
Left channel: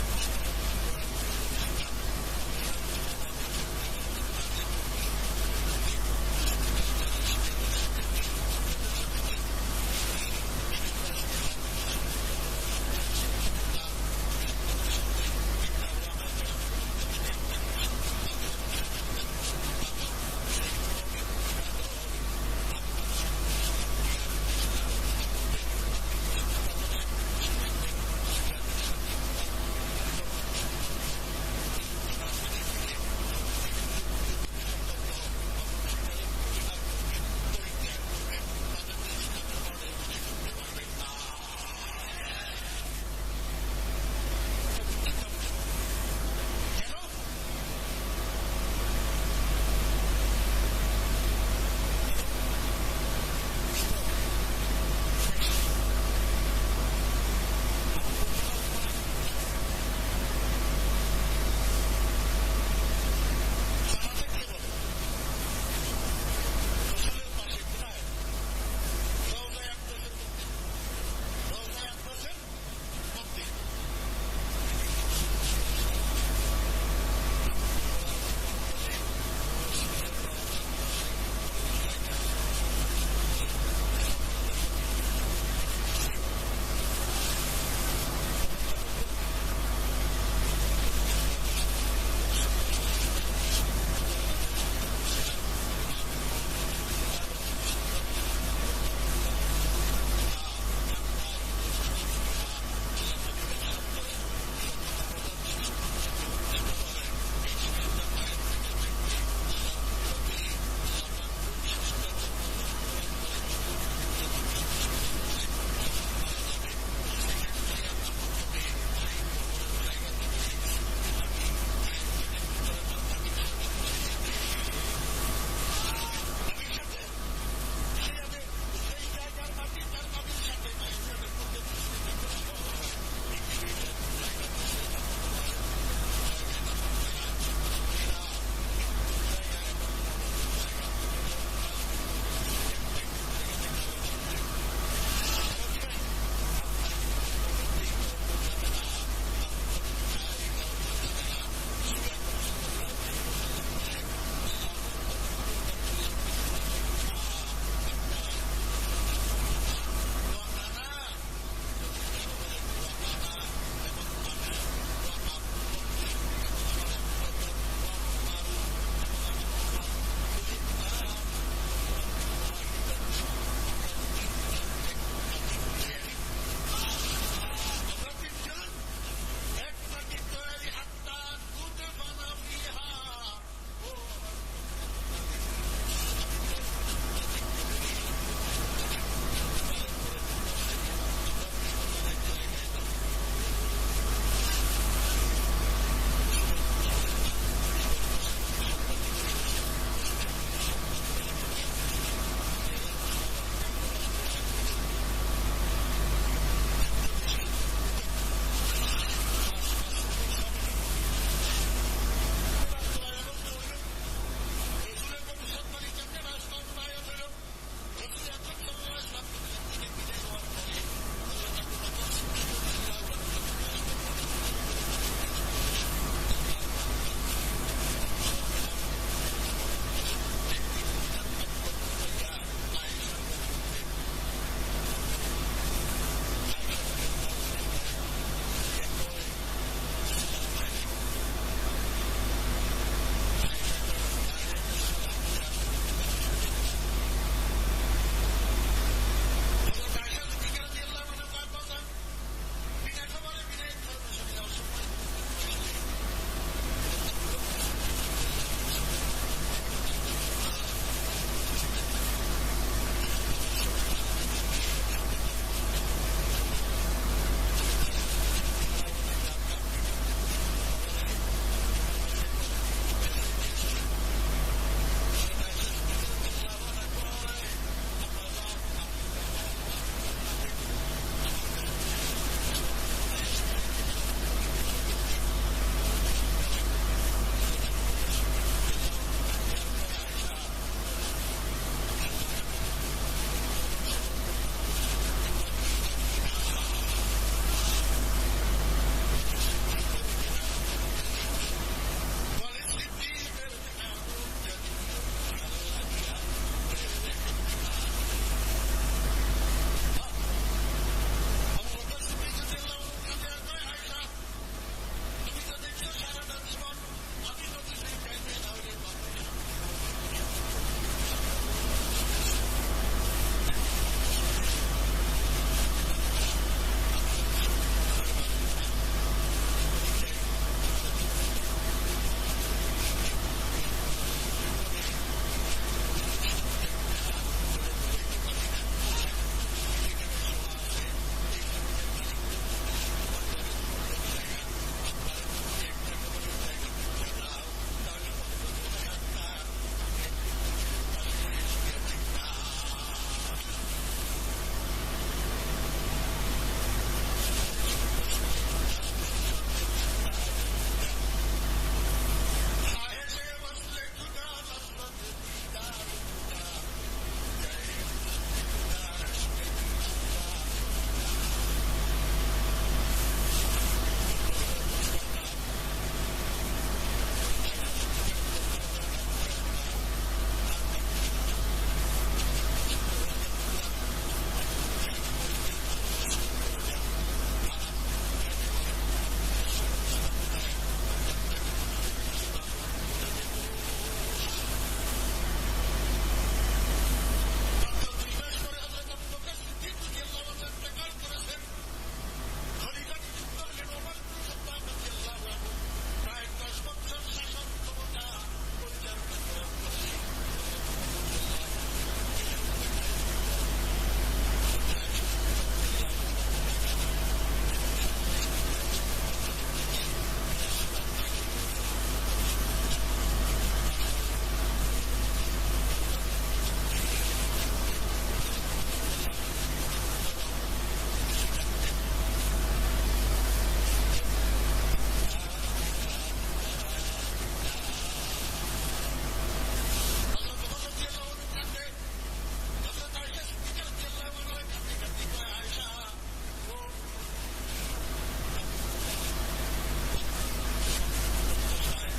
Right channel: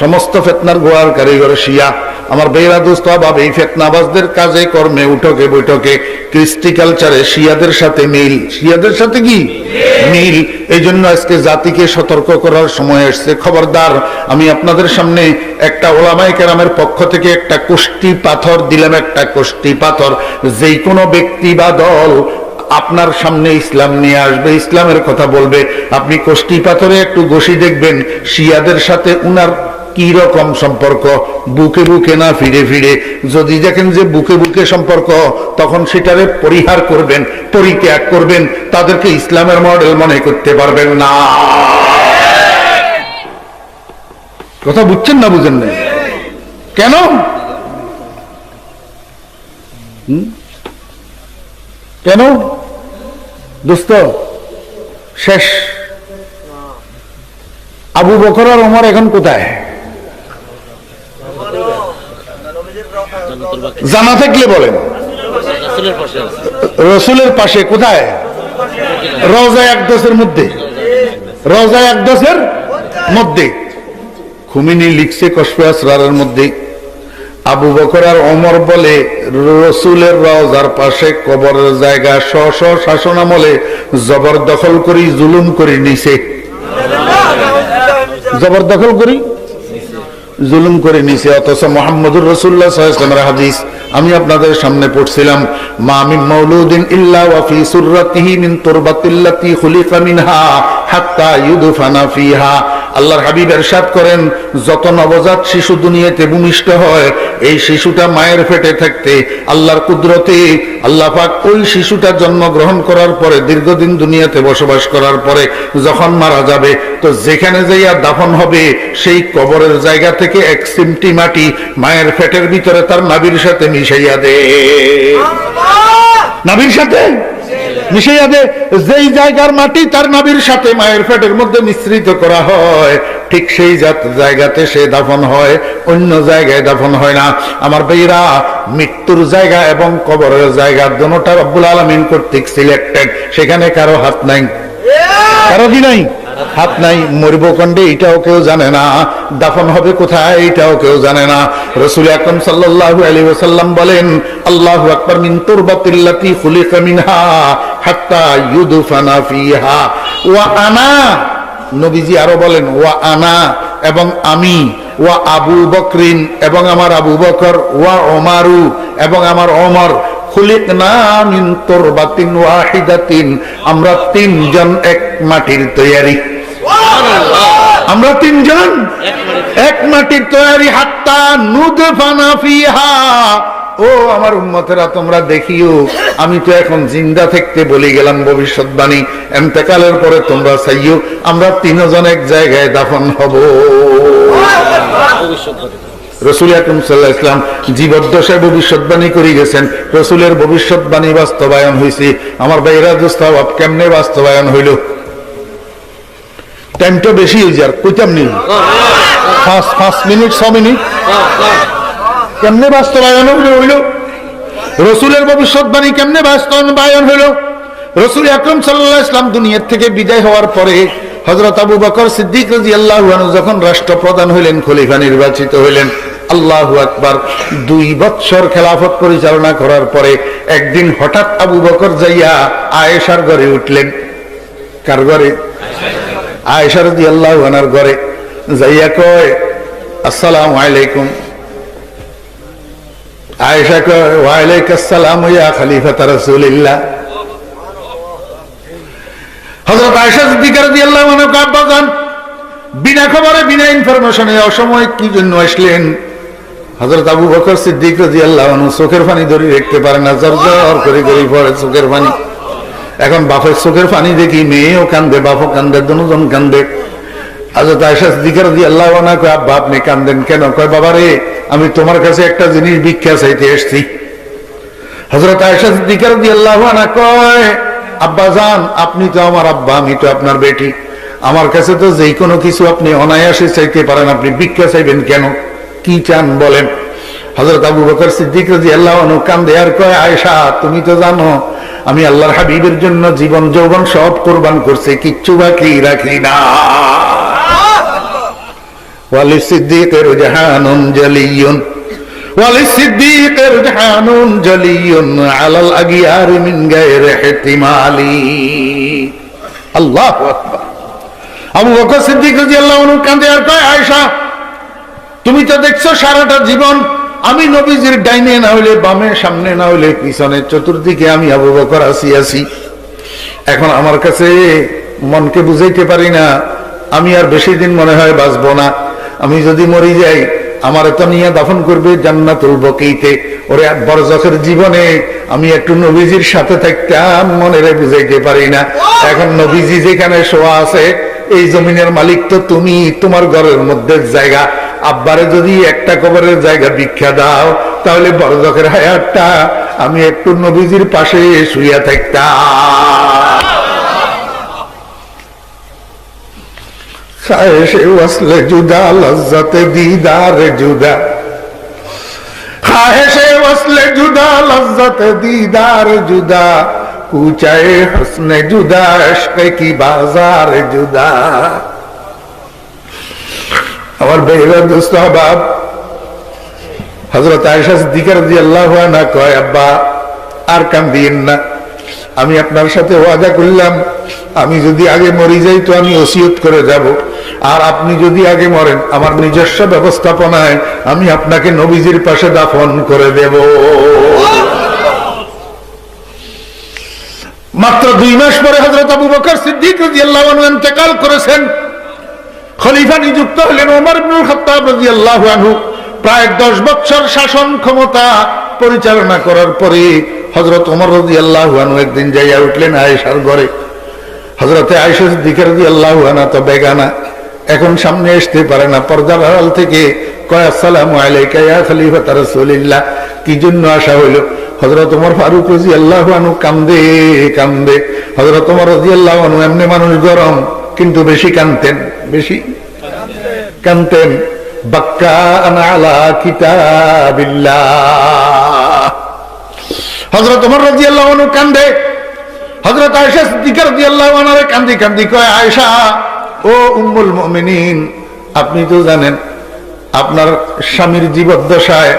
সমস্ত ফিতনার গোড়ার কারিগর শিয়া। আমার বেরা দোস্ত বাবা, এই ফিতনাবাজদের কাজে কর্মে উঠকে বৈঠকে কৃষ্টি কালচারে শিয়াদের সাথে মিল। শিয়াদের সাথে কি মিল? এই জন্য আজকে জাতিকে সতর্ক করার সময় এসছে। খবরদার, আমি আপনাদের সামনে একটা ওলামায়ে কেরামের পক্ষ থেকে একটা কোষ্টি পাথর দিলাম, একটা কোষ্টি পাথর। যেই কোনো ব্যক্তি বা দল আপনার সামনে ইসলাম নিয়ে আসবে, ইসলামের কথা বলবে, আপনি কোষ্টি পাথরে একটু ঘষি দেখবেন শিয়াদের সাথে উনার কি রকম সম্পর্ক। বুকে বুকে না ফিরে ফিরে। যদি দেখেন যে বুকে বুকে সম্পর্ক, তখন সেটারে পরিহার করবেন, পরিত্যাগ করবেন। তাদেরকে ইসলামের মডেল মনে করতে পারবেন না। কথা বুঝছেন না? বুঝেন না কেন? কেন দোস্ত? শেষ। আবু বকর আর ওমর এখন কোথায়? জানা থাকলে বলেন। রসুলের পাশে। কোথায়? রওজা আকদাসের মধ্যে। রওজা আকদাসের মধ্যে। খুমিনি লিখছে কশফে আসরারের মধ্যে, আবু বকর আর ওমর বলে রসুলের রওজার পাশে কবরের জায়গা স্ব শাসনামলে জবরদখল করি, জুলুম করি নিছে। জবরদখল করি, জুলুম করে নিছে। অথচ মুহাম্মদুর রাসূলুল্লাহ সাল্লাল্লাহু আলাইহি ওয়াসাল্লামের হাদিস আমি আপনাদের সামনে পড়ছিলাম, মা মিন মাউলুদিন ইল্লা ওয়া ফি সুররাতিহি মিন তুরবাতিল্লাতি খুলিকা মিনহা হাত্তা ইউদফানা ফিহা। আল্লাহর হাবিব ইরশাদ করেন, যত নবজাত শিশু দুনিয়াতে ভূমিষ্ঠ হয়, এই শিশুটা মায়ের পেটে থাকতে আল্লাহর কুদরতে আল্লাহ পাক ওই শিশুটা জন্মগ্রহণ করার পরে দীর্ঘদিন দুনিয়াতে বসবাস করার পরে যখন মারা যাবে, তো যেখানে যাইয়া দাফন হবে সেই কবরের জায়গা থেকে এক সিমটি মাটি মায়ের পেটের ভিতরে তার নাভির সাথে মিশাইয়া দে। নাভির সাথে মিশাইয়া দে। যেই জায়গার মাটি তার নাভির সাথে মায়ের পেটের মধ্যে মিশ্রিত করা হয়, ঠিক সেই জায়গাতে সে দাফন হয়, অন্য জায়গায় দাফন হয় না। আমার ভাইরা, মৃত্যুর জায়গা এবং কবরের জায়গা দুটোটা রব্বুল আলামিন কর্তৃক সিলেক্টেড। সেখানে কারো হাত নাই। কারো কি নাই? হাত নাই। মরব কন্ডে এটাও কেউ জানে না, দাফন হবে কোথায় এটাও কেউ জানে না। রাসূল আকরাম সাল্লাল্লাহু আলাইহি ওয়াসাল্লাম বলেন, আল্লাহু আকবার, মিন তুরবাতিল্লাতি খুলিকা মিনহা হাত্তা ইউদফানা ফিহা ওয়া আনা। নবীজি আরো বলেন, ওয়া আনা, এবং আমি, ওয়া আবু বকরিন, এবং আমার আবু বকর, ওয়া ওমারু, এবং আমার ওমর, খুলিকনা মিন তুরবাতিন ওয়াহিদাতিন। আমরা তিনজন এক মাটির তৈরি। আমরা তিনজন এক মাটির তৈরি। হাত্তা নুদফানা ফিহা, ও আমার উম্মতেরা, তোমরা দেখিও, আমি তো এখন জিন্দা থাকতে বলে গেলাম ভবিষ্যৎবাণী, এন্তেকালের পরে তোমরা চাইও আমরা তিনজন এক জায়গায় দাফন হব। রাসূল আকরাম সাল্লাল্লাহু আলাইহি ওয়াসাল্লাম জীবদ্দশায় ভবিষ্যৎবাণী করে গেছেন। রাসূলের ভবিষ্যৎবাণী বাস্তবায়ন হয়েছে। আমার ভাইরা দোস্ত, কেমনে বাস্তবায়ন হইল? টাইমটা বেশি হয়ে যার কইতাম নি, 5 মিনিট 6 মিনিট। কেমনে বাস্তবায়ন হইল? রাসূলের ভবিষ্যৎবাণী কেমনে বাস্তবায়ন হইল? রাসূল আকরাম সাল্লাল্লাহু আলাইহি ওয়াসাল্লাম দুনিয়া থেকে বিদায় হওয়ার পরে হযরত আবু বকর সিদ্দিক রাদিয়াল্লাহু আনহু যখন রাষ্ট্রপ্রধান হইলেন, খলিফা নির্বাচিত হইলেন, আল্লাহু আকবার, 2 বছর খেলাফত পরিচালনা করার পরে একদিন হঠাৎ আবু বকর যাইয়া আয়েশার ঘরে উঠলেন। কার ঘরে? আয়েশা রাদিয়াল্লাহু আনহার ঘরে যাইয়া কয়, আসসালামু আলাইকুম। আয়েশা কয়, ওয়া আলাইকুস সালাম ইয়া খলিফাত রাসূলিল্লাহ। হযরত আয়েশা সিদ্দিকা রাদিয়াল্লাহু আনহা আব্বাজান বিনা খবরে, বিনা ইনফরমেশনে অসময়ে কি জন্য আসলেন? হযরত আবু বকর সিদ্দিক রাদিয়াল্লাহু আনহু চোখের পানি ধরে রাখতে পারে না, জর্জর করে করে পড়ে চোখের পানি। এখন বাপের চোখের পানি দেখি মেয়েও কান্দে, বাপও কান্দে, দুজন কান্দে। হযরত আয়েশা সিদ্দিকা রাদিয়াল্লাহু আনহা কয়, আব্বা আপনি কান্দেন কেন? কয়, বাবা রে, আমি তোমার কাছে একটা জিনিস ভিক্ষা চাইতে এসেছি। হযরত আয়েশা সিদ্দিকা রাদিয়াল্লাহু আনহা কয়, আব্বা জান, আপনি তো আমার আব্বা, আমি তো আপনার বেটি, আমার কাছে তো যে কোনো কিছু আপনি অনায়াসে চাইতে পারেন, আপনি ভিক্ষা চাইবেন কেন? কি চান বলেন? হযরত আবু বকর সিদ্দিক রাদিয়াল্লাহু আনহু কান্দে আর কয়, আয়েশা তুমি তো জানো আমি আল্লাহর হাবিবের জন্য জীবন যৌবন সব কুরবান করছি, কিচ্ছু বাকি রাখি না। ওয়ালিস সিদ্দিকের জাহানুন জালিয়ুন, ওয়ালিস সিদ্দিকের জাহানুন জালিয়ুন আলাল আগিয়ার মিন গায়রি ইহতিমালি। আল্লাহু আকবার। আবু বকর সিদ্দিক রাদিয়াল্লাহু আনহু কান্দে আর কয়, আয়েশা তুমি তো দেখছো সারাটা জীবন আমি নবীজির ডাইনে না হইলে বামে, সামনে না হইলে পিছনে, চতুর্দিকে আমি আবু বকর আছি। এখন আমার কাছে মনকে বুঝাইতে পারি না, আমি আর বেশি দিন মনে হয় বাঁচবো না। আমি যদি মরি যাই, আমার তো নিয়ে দাফন করবে জান্নাতুল বকিতে। ওরে বরজখের জীবনে আমি একটু নবীজির সাথে থাকতাম, মনেরে বুঝাইতে পারি না। এখন নবীজি যেখানে শোয়া আছে, এই জমিনের মালিক তো তুমি, তোমার ঘরের মধ্যে জায়গা। আব্বারে যদি একটা কবরের জায়গা ভিক্ষা দাও, তাহলে বরজখের হায়াতটা আমি একটু নবীজির পাশে শুইয়া থাকতাম। খায়েশে ওয়াসলে জুদা, লজ্জতে দিদার জুদা, খায়েশে ওয়াসলে জুদা, লজ্জতে দিদার জুদা, কুচায়ে হসনে জুদা, ইশকে কি বাজার জুদা। আমার বেহরা দোস্ত আহবাব, হযরত আয়েশা সিদ্দিকা রাদিয়াল্লাহু আনহা কয়, আব্বা আর কান্দিয়েন না, আমি আপনার সাথে ওয়াদা করলাম, আমি যদি আগে মরি যাই তো আমি ওসিয়ত করে যাব, আর আপনি যদি আগে মরেন আমার নিজস্ব ব্যবস্থাপনায় আমি আপনাকে নবীজির পাশে দাফন করে দেব। মাত্র 2 মাস পরে হযরত আবু বকর সিদ্দিক রাদিয়াল্লাহু আনহু ইন্তেকাল করেছেন। খলিফা নিযুক্ত হলেন ওমর ইবনুল খাত্তাব রাদিয়াল্লাহু আনহু। প্রায় 10 বছর শাসন ক্ষমতা পরিচালনা করার পরে হযরত ওমর রাদিয়াল্লাহু আনহু একদিন যাইয়া উঠলেন আয়েশার ঘরে। হযরতে আয়েশা সিদ্দিকা রাদিয়াল্লাহু আনহা তো বেগানা, এখন সামনে আসতে পারে না, পর্দার আড়াল থেকে কয়, আসসালামু আলাইকা ইয়া খলিফাত রাসূলিল্লাহ। কি জন্য আসা হইল? হযরত ওমর ফারুক রাদিয়াল্লাহু আনহু কান্দে কান্দে। হযরত ওমর রাদিয়াল্লাহু আনহু এমনি মানুষ গরম, কিন্তু বেশি কানতেন, বেশি কানতেন। বাক্কান আলা কিতাবিল্লাহ। হযরত ওমর রাদিয়াল্লাহু আনহু কান্দে। হযরত আয়েশা সিদ্দিকা রাদিয়াল্লাহু আনহা কান্দি কান্দি কয়, আয়েশা ও উম্মুল মুমিনিন, আপনি তো জানেন আপনার স্বামীর জীবদ্দশায়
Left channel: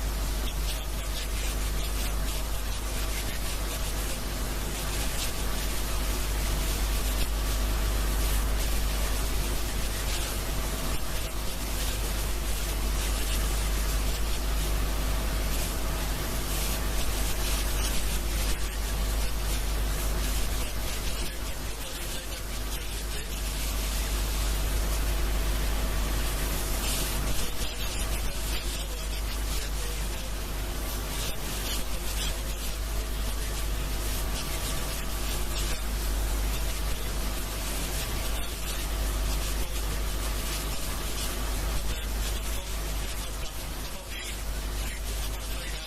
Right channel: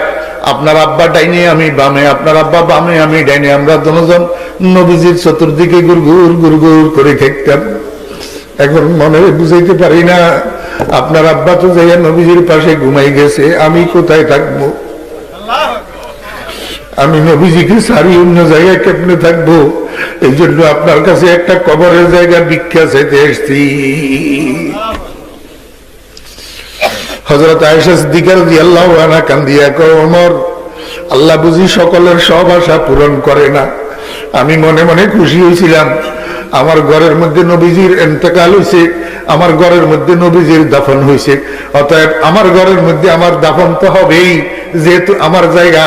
আপনার আব্বা ডাইনে আমি বামে, আপনার আব্বা বামে আমি ডাইনে, আমরা দুজন নবীজির চতুর্দিকে গুরগুর গুরগুর করে থাকতাম। এখন মনে বুঝাইতে পারি না, আপনার আব্বা তো যাইয়া নবীজির পাশে ঘুমাই গেছে, আমি কোথায় থাকবো? আমি নবীজিকে সারি অন্য জায়গায় কেমনে থাকবো? এই জন্য আপনার কাছে একটা কবরের জায়গা ভিক্ষা চাইতে এসেছি। হযরত আয়েশা সিদ্দিকা রাদিয়াল্লাহু আনহা কান্দিয়া কয়, ওমর আল্লাহ বুঝি সকলের সব আশা পূরণ করে না। আমি মনে মনে খুশি হয়েছিলাম, আমার ঘরের মধ্যে নবীজির ইন্তেকাল হয়েছে, আমার ঘরের মধ্যে নবীজির দাফন হয়েছে, অতএব আমার ঘরের মধ্যে আমার দাফন তো হবেই, যেহেতু আমার জায়গা।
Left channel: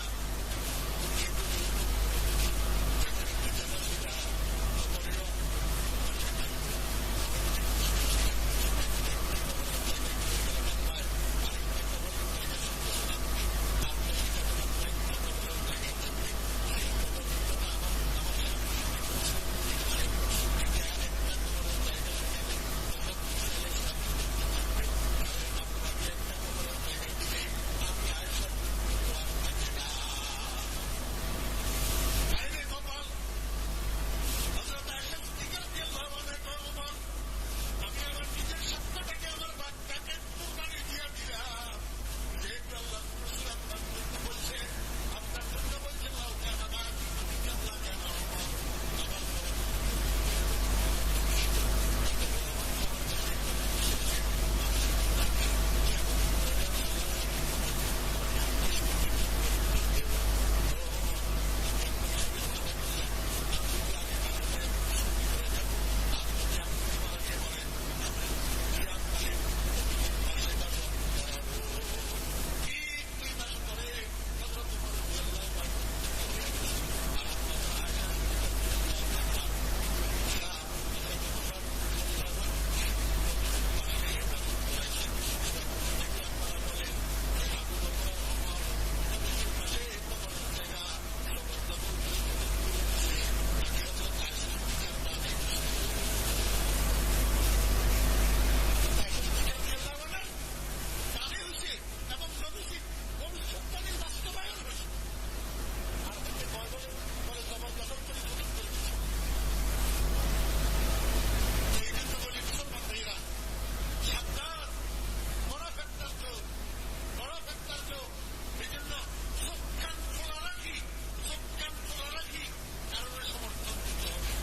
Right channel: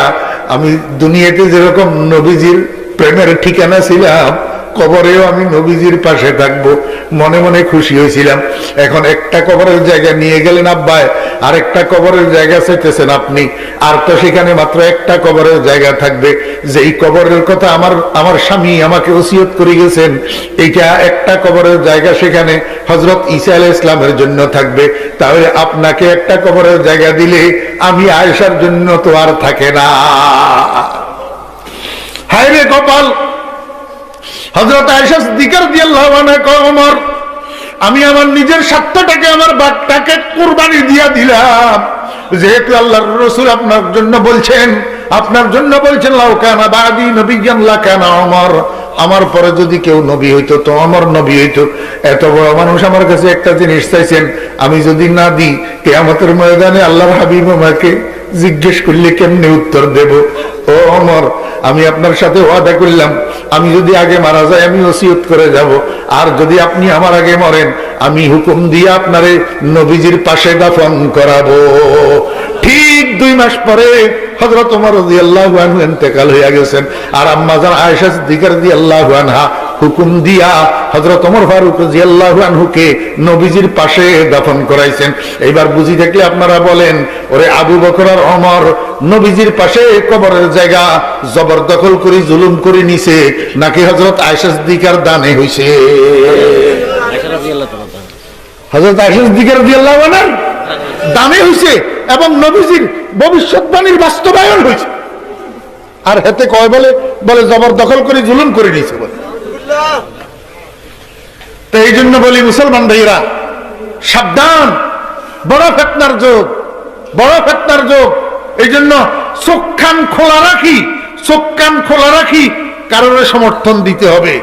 আমি দুনিয়াতে যেরকম নবীজির প্রেমের ঠিকানা ছিলাম, কবরেও আমি নবীজির পাশে থাকবো, মনে মনে খুশি হয়েছিলাম। এখন একটা কবরের জায়গা নিয়ে গেলেন আব্বাই, আর একটা কবরের জায়গা চাইতেছেন আপনি, আর তো সেখানে মাত্র একটা কবরের জায়গা থাকবে। যেই কবরের কথা আমার স্বামী আমাকে ওসিয়ত করে গেছেন, এইটা একটা কবরের জায়গা, সেখানে হযরত ঈসা আলাইহিস সালামের জন্য থাকবে। তাহলে আপনাকে একটা কবরের জায়গা দিলে আমি আয়েশার জন্য তো আর থাকে না। হায় রে কপাল! হযরত আয়েশা সিদ্দিকা রাদিয়াল্লাহু আনহা কয়, ওমর, আমি আমার নিজের স্বার্থটাকে, আমার বাঘটাকে কুরবানি দিয়া দিলাম, যেহেতু আল্লাহর রাসূল আপনার জন্য বলছেন, লাউ কানা বাদি নবিয়্যান লাকানা ওমর, আমার পরে যদি কেউ নবী হইতো তো ওমর নবী হইতো। এত বড় মানুষ আমার কাছে একটা জিনিস চাইছেন, আমি যদি না দিই, কিয়ামতের ময়দানে আল্লাহর হাবিব আমাকে জিজ্ঞেস করলে কেমনে উত্তর দেব? ও ওমর, আমি আপনার সাথে ওয়াদা করলাম, আমি যদি আগে মারা যাই আমি ওসিয়ত করে যাব, আর যদি আপনি আমার আগে মরেন আমি হুকুম দিয়ে আপনারে নবীজির পাশে দাফন করাবো। ঠিক 2 মাস পরে হযরত ওমর রাদিয়াল্লাহু আনহু ইন্তেকাল হয়ে গেছেন, আর আম্মা জান আয়েশা সিদ্দিকা রাদিয়াল্লাহু আনহা হুকুম দিয়া হযরত ওমর ফারুক রাদিয়াল্লাহু আনহুকে নবীজির পাশে দাফন করাইছেন। এইবার বুঝি থাকলে আপনারা বলেন, ওরে আবু বকর আর ওমর নবীজির পাশে কবরের জায়গা জবরদখল করে জুলুম করে নিছে, নাকি হযরত আয়েশা সিদ্দিকার দানে হইছে? হযরত আয়েশা সিদ্দিকা রাদিয়াল্লাহু আনহার দানে হইছে, এবং নবীজির ভবিষ্যৎবাণীর বাস্তবায়ন হয়েছে। আর হেতে কয় বলে জবরদখল করে জুলুম করে নিয়েছে বলে। তো এই জন্য বলি মুসলমান ভাইরা, সাবধান, বড় ফিতনার যুগ, বড় ফিতনার যুগ। এই জন্য চোখ কান খোলা রাখি, কারোর সমর্থন দিতে হবে।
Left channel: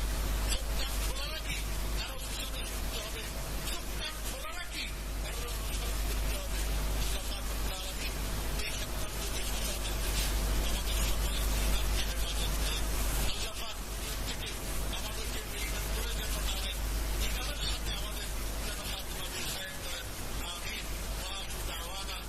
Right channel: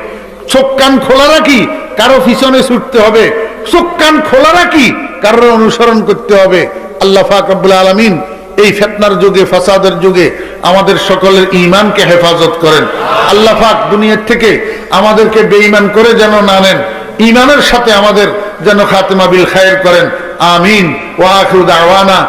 চোখ কান খোলা রাখি, কারো পিছনে ছুটতে হবে। চোখ কান খোলা রাখি, কারোর অনুসরণ করতে হবে। আল্লাহ পাক রব্বুল আলামিন এই ফিতনার যুগে, ফাসাদের যুগে আমাদের সকলের ঈমানকে হেফাজত করেন। আল্লাহ পাক দুনিয়ার থেকে আমাদেরকে বেঈমান করে যেন না নেন, ঈমানের সাথে আমাদের যেন খাতেমা বিল খায়র করেন। আমিন। ওয়া আখিরু দাওয়ানা